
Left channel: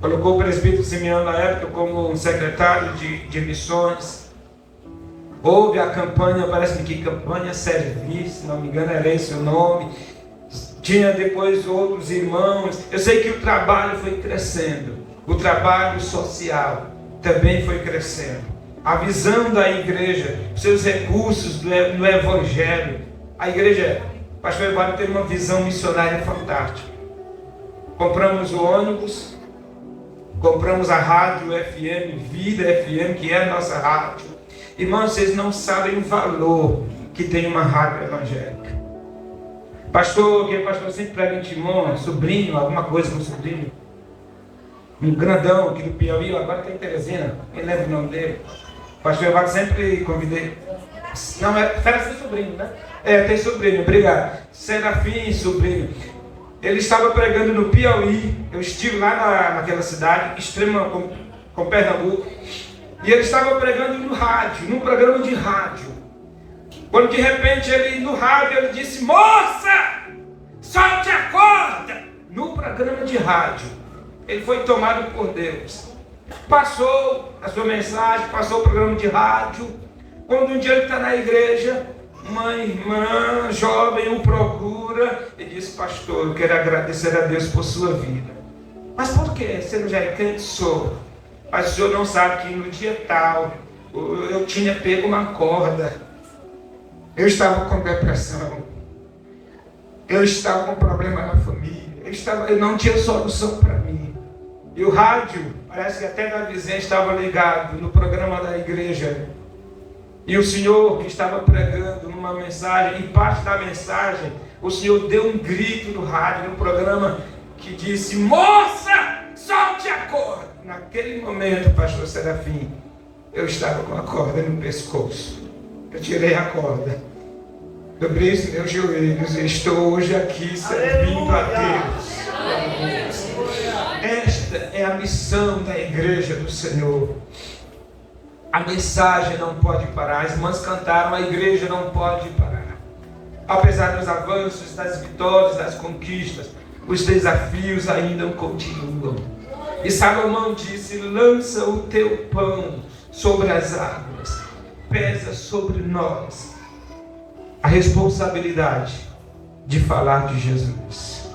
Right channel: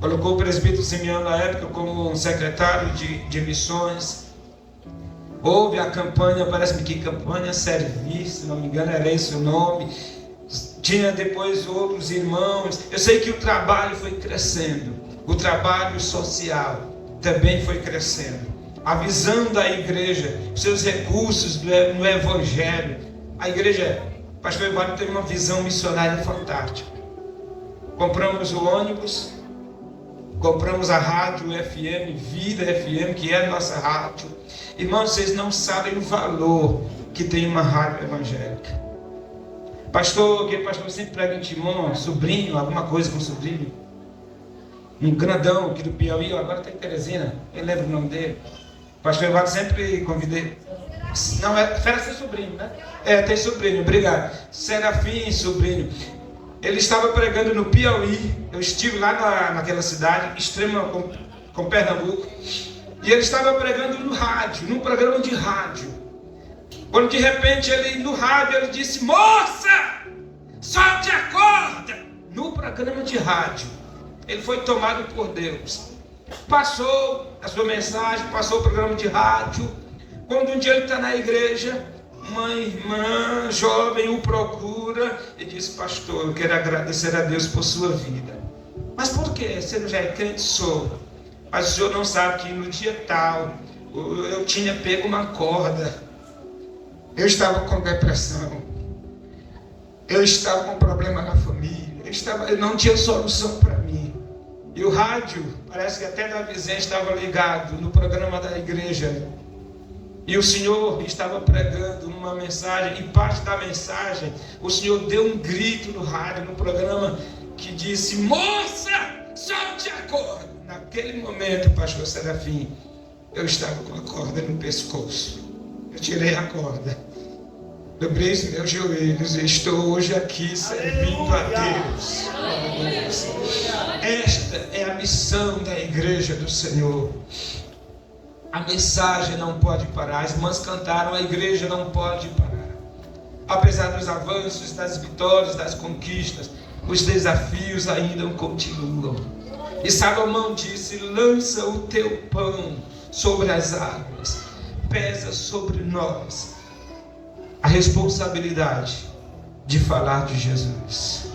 Colocou o presbítero Simeão na época como um secretário de missões. Houve a campanha, parece-me que campanha Servir, se não me engano era esse o nome. Tinha depois outros irmãos. Eu sei que o trabalho foi crescendo. O trabalho social também foi crescendo. A visão da igreja, seus recursos no evangelho. A igreja, o pastor Evaldo teve uma visão missionária fantástica. Compramos o ônibus, compramos a rádio FM, Vida FM, que é a nossa rádio. Irmãos, vocês não sabem o valor que tem uma rádio evangélica. Pastor, que pastor sempre prega em Timon, sobrinho, alguma coisa com sobrinho. Um grandão aqui do Piauí, agora está em Teresina, eu lembro o nome dele. Pastor Evaldo sempre convidei. Não, era seu sobrinho, né? Tem sobrinho, obrigado. Serafim, sobrinho. Ele estava pregando no Piauí. Eu estive lá naquela cidade, extrema com Pernambuco. E ele estava pregando no rádio, num programa de rádio. Quando de repente no rádio ele disse: moça, solte a corda! No programa de rádio. Ele foi tomado por Deus. Passou a sua mensagem, passou o programa de rádio. Quando um dia ele está na igreja, uma irmã jovem o procura e diz: pastor, eu quero agradecer a Deus por sua vida. Mas por quê? Você não já é crente? Sou. Mas o senhor não sabe que no dia tal eu tinha pego uma corda. Eu estava com depressão. Eu estava com problema na família. Eu não tinha solução para mim. E o rádio, parece que até da vizinha estava ligado no programa da igreja. E o Senhor estava pregando uma mensagem, e parte da mensagem, o Senhor deu um grito no rádio, no programa, que disse: moça, solte a corda. Naquele momento, pastor Serafim, eu estava com a corda no pescoço. Eu tirei a corda, dobrei os meus joelhos e estou hoje aqui servindo a Deus. Esta é a missão da igreja do Senhor. A mensagem não pode parar. As irmãs cantaram: a igreja não pode parar. Apesar dos avanços, das vitórias, das conquistas, os desafios ainda continuam. E Salomão disse: lança o teu pão sobre as águas, pesa sobre nós a responsabilidade de falar de Jesus.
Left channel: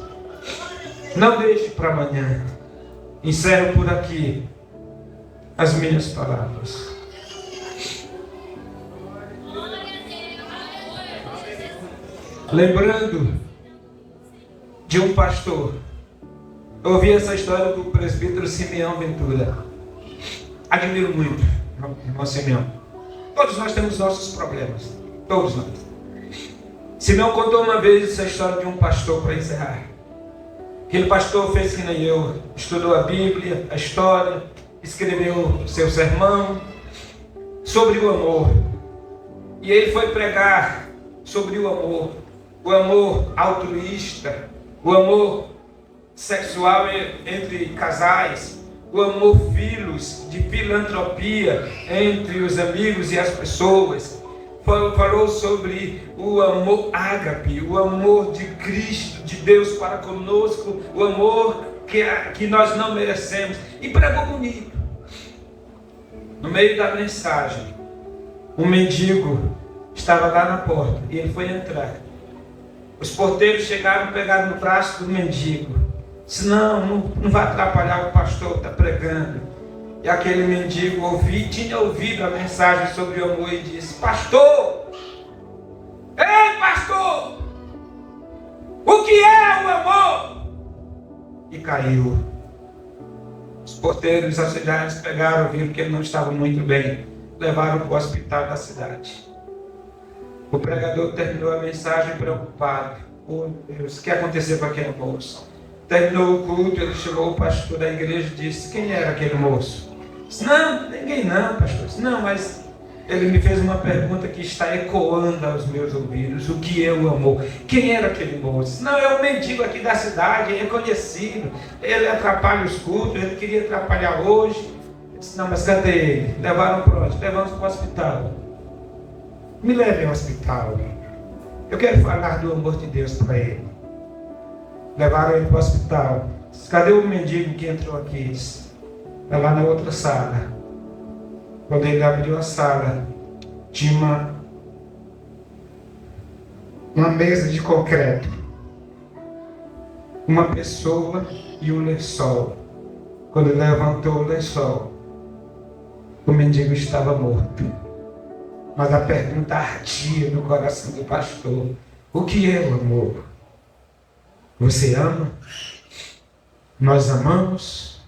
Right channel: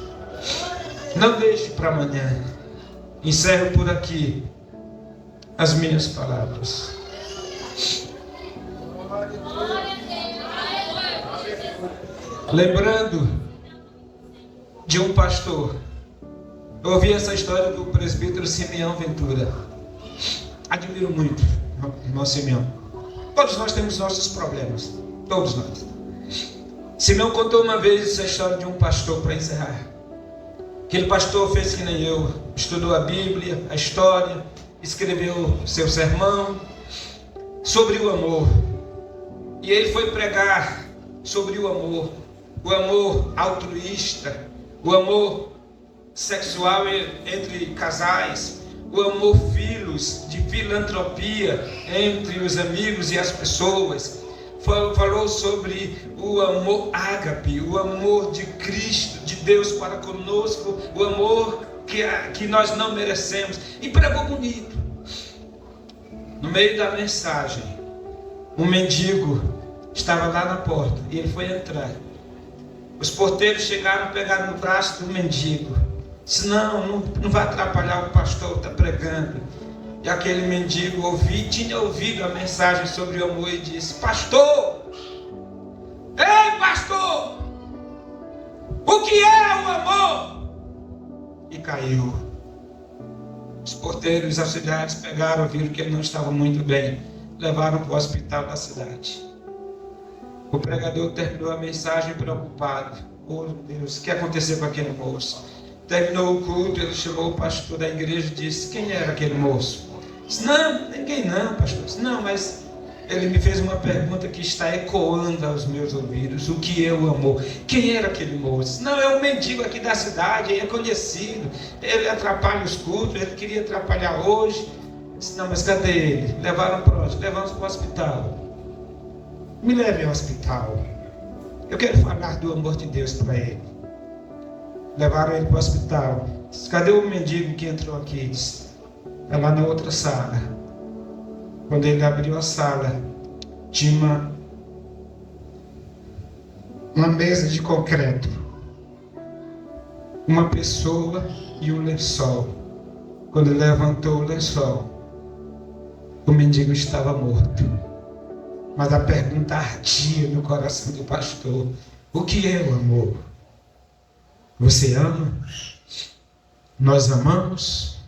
Não deixe para amanhã. Encerro por aqui as minhas palavras. Lembrando de um pastor. Eu ouvi essa história do presbítero Simeão Ventura. Admiro muito o irmão Simeão. Todos nós temos nossos problemas. Todos nós. Simeão contou uma vez essa história de um pastor, para encerrar. Aquele pastor fez que nem eu. Estudou a Bíblia, a história, escreveu seu sermão sobre o amor. E ele foi pregar sobre o amor altruísta, o amor sexual entre casais, o amor filos, de filantropia entre os amigos e as pessoas. Falou sobre o amor ágape, o amor de Cristo, de Deus para conosco, o amor que nós não merecemos. E pregou bonito. No meio da mensagem, um mendigo estava lá na porta e ele foi entrar. Os porteiros chegaram, pegaram no braço do mendigo. Disse: não vai atrapalhar, o pastor está pregando. E aquele mendigo tinha ouvido a mensagem sobre o amor e disse: pastor, ei pastor, o que é o amor? E caiu. Os porteiros e auxiliares pegaram, viram que ele não estava muito bem, levaram para o hospital da cidade. O pregador terminou a mensagem preocupado. Oh Deus, o que aconteceu com aquele moço? Terminou o culto, ele chamou o pastor da igreja e disse: quem era aquele moço? Disse: não, ninguém não, pastor. Disse: não, mas ele me fez uma pergunta que está ecoando aos meus ouvidos: o que é o amor? Quem era aquele moço? Disse: não, é um mendigo aqui da cidade, é conhecido, ele atrapalha os cultos, ele queria atrapalhar hoje. Disse: não, mas cadê ele? Levaram para onde? Levamos para o hospital. Me leve ao hospital. Eu quero falar do amor de Deus para ele. Levaram ele para o hospital. Disse: cadê o mendigo que entrou aqui? Disse: é lá na outra sala. Quando ele abriu a sala, tinha uma mesa de concreto, uma pessoa e um lençol. Quando ele levantou o lençol, o mendigo estava morto. Mas a pergunta ardia no coração do pastor: o que é o amor? Você ama? Nós amamos?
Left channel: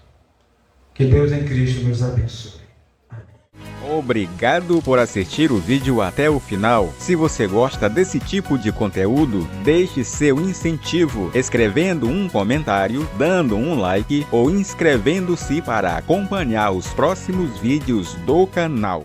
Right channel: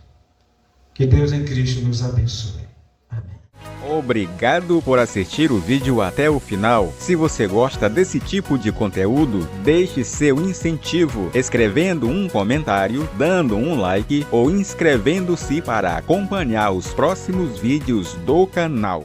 Que Deus em Cristo nos abençoe. Obrigado por assistir o vídeo até o final. Se você gosta desse tipo de conteúdo, deixe seu incentivo escrevendo um comentário, dando um like ou inscrevendo-se para acompanhar os próximos vídeos do canal.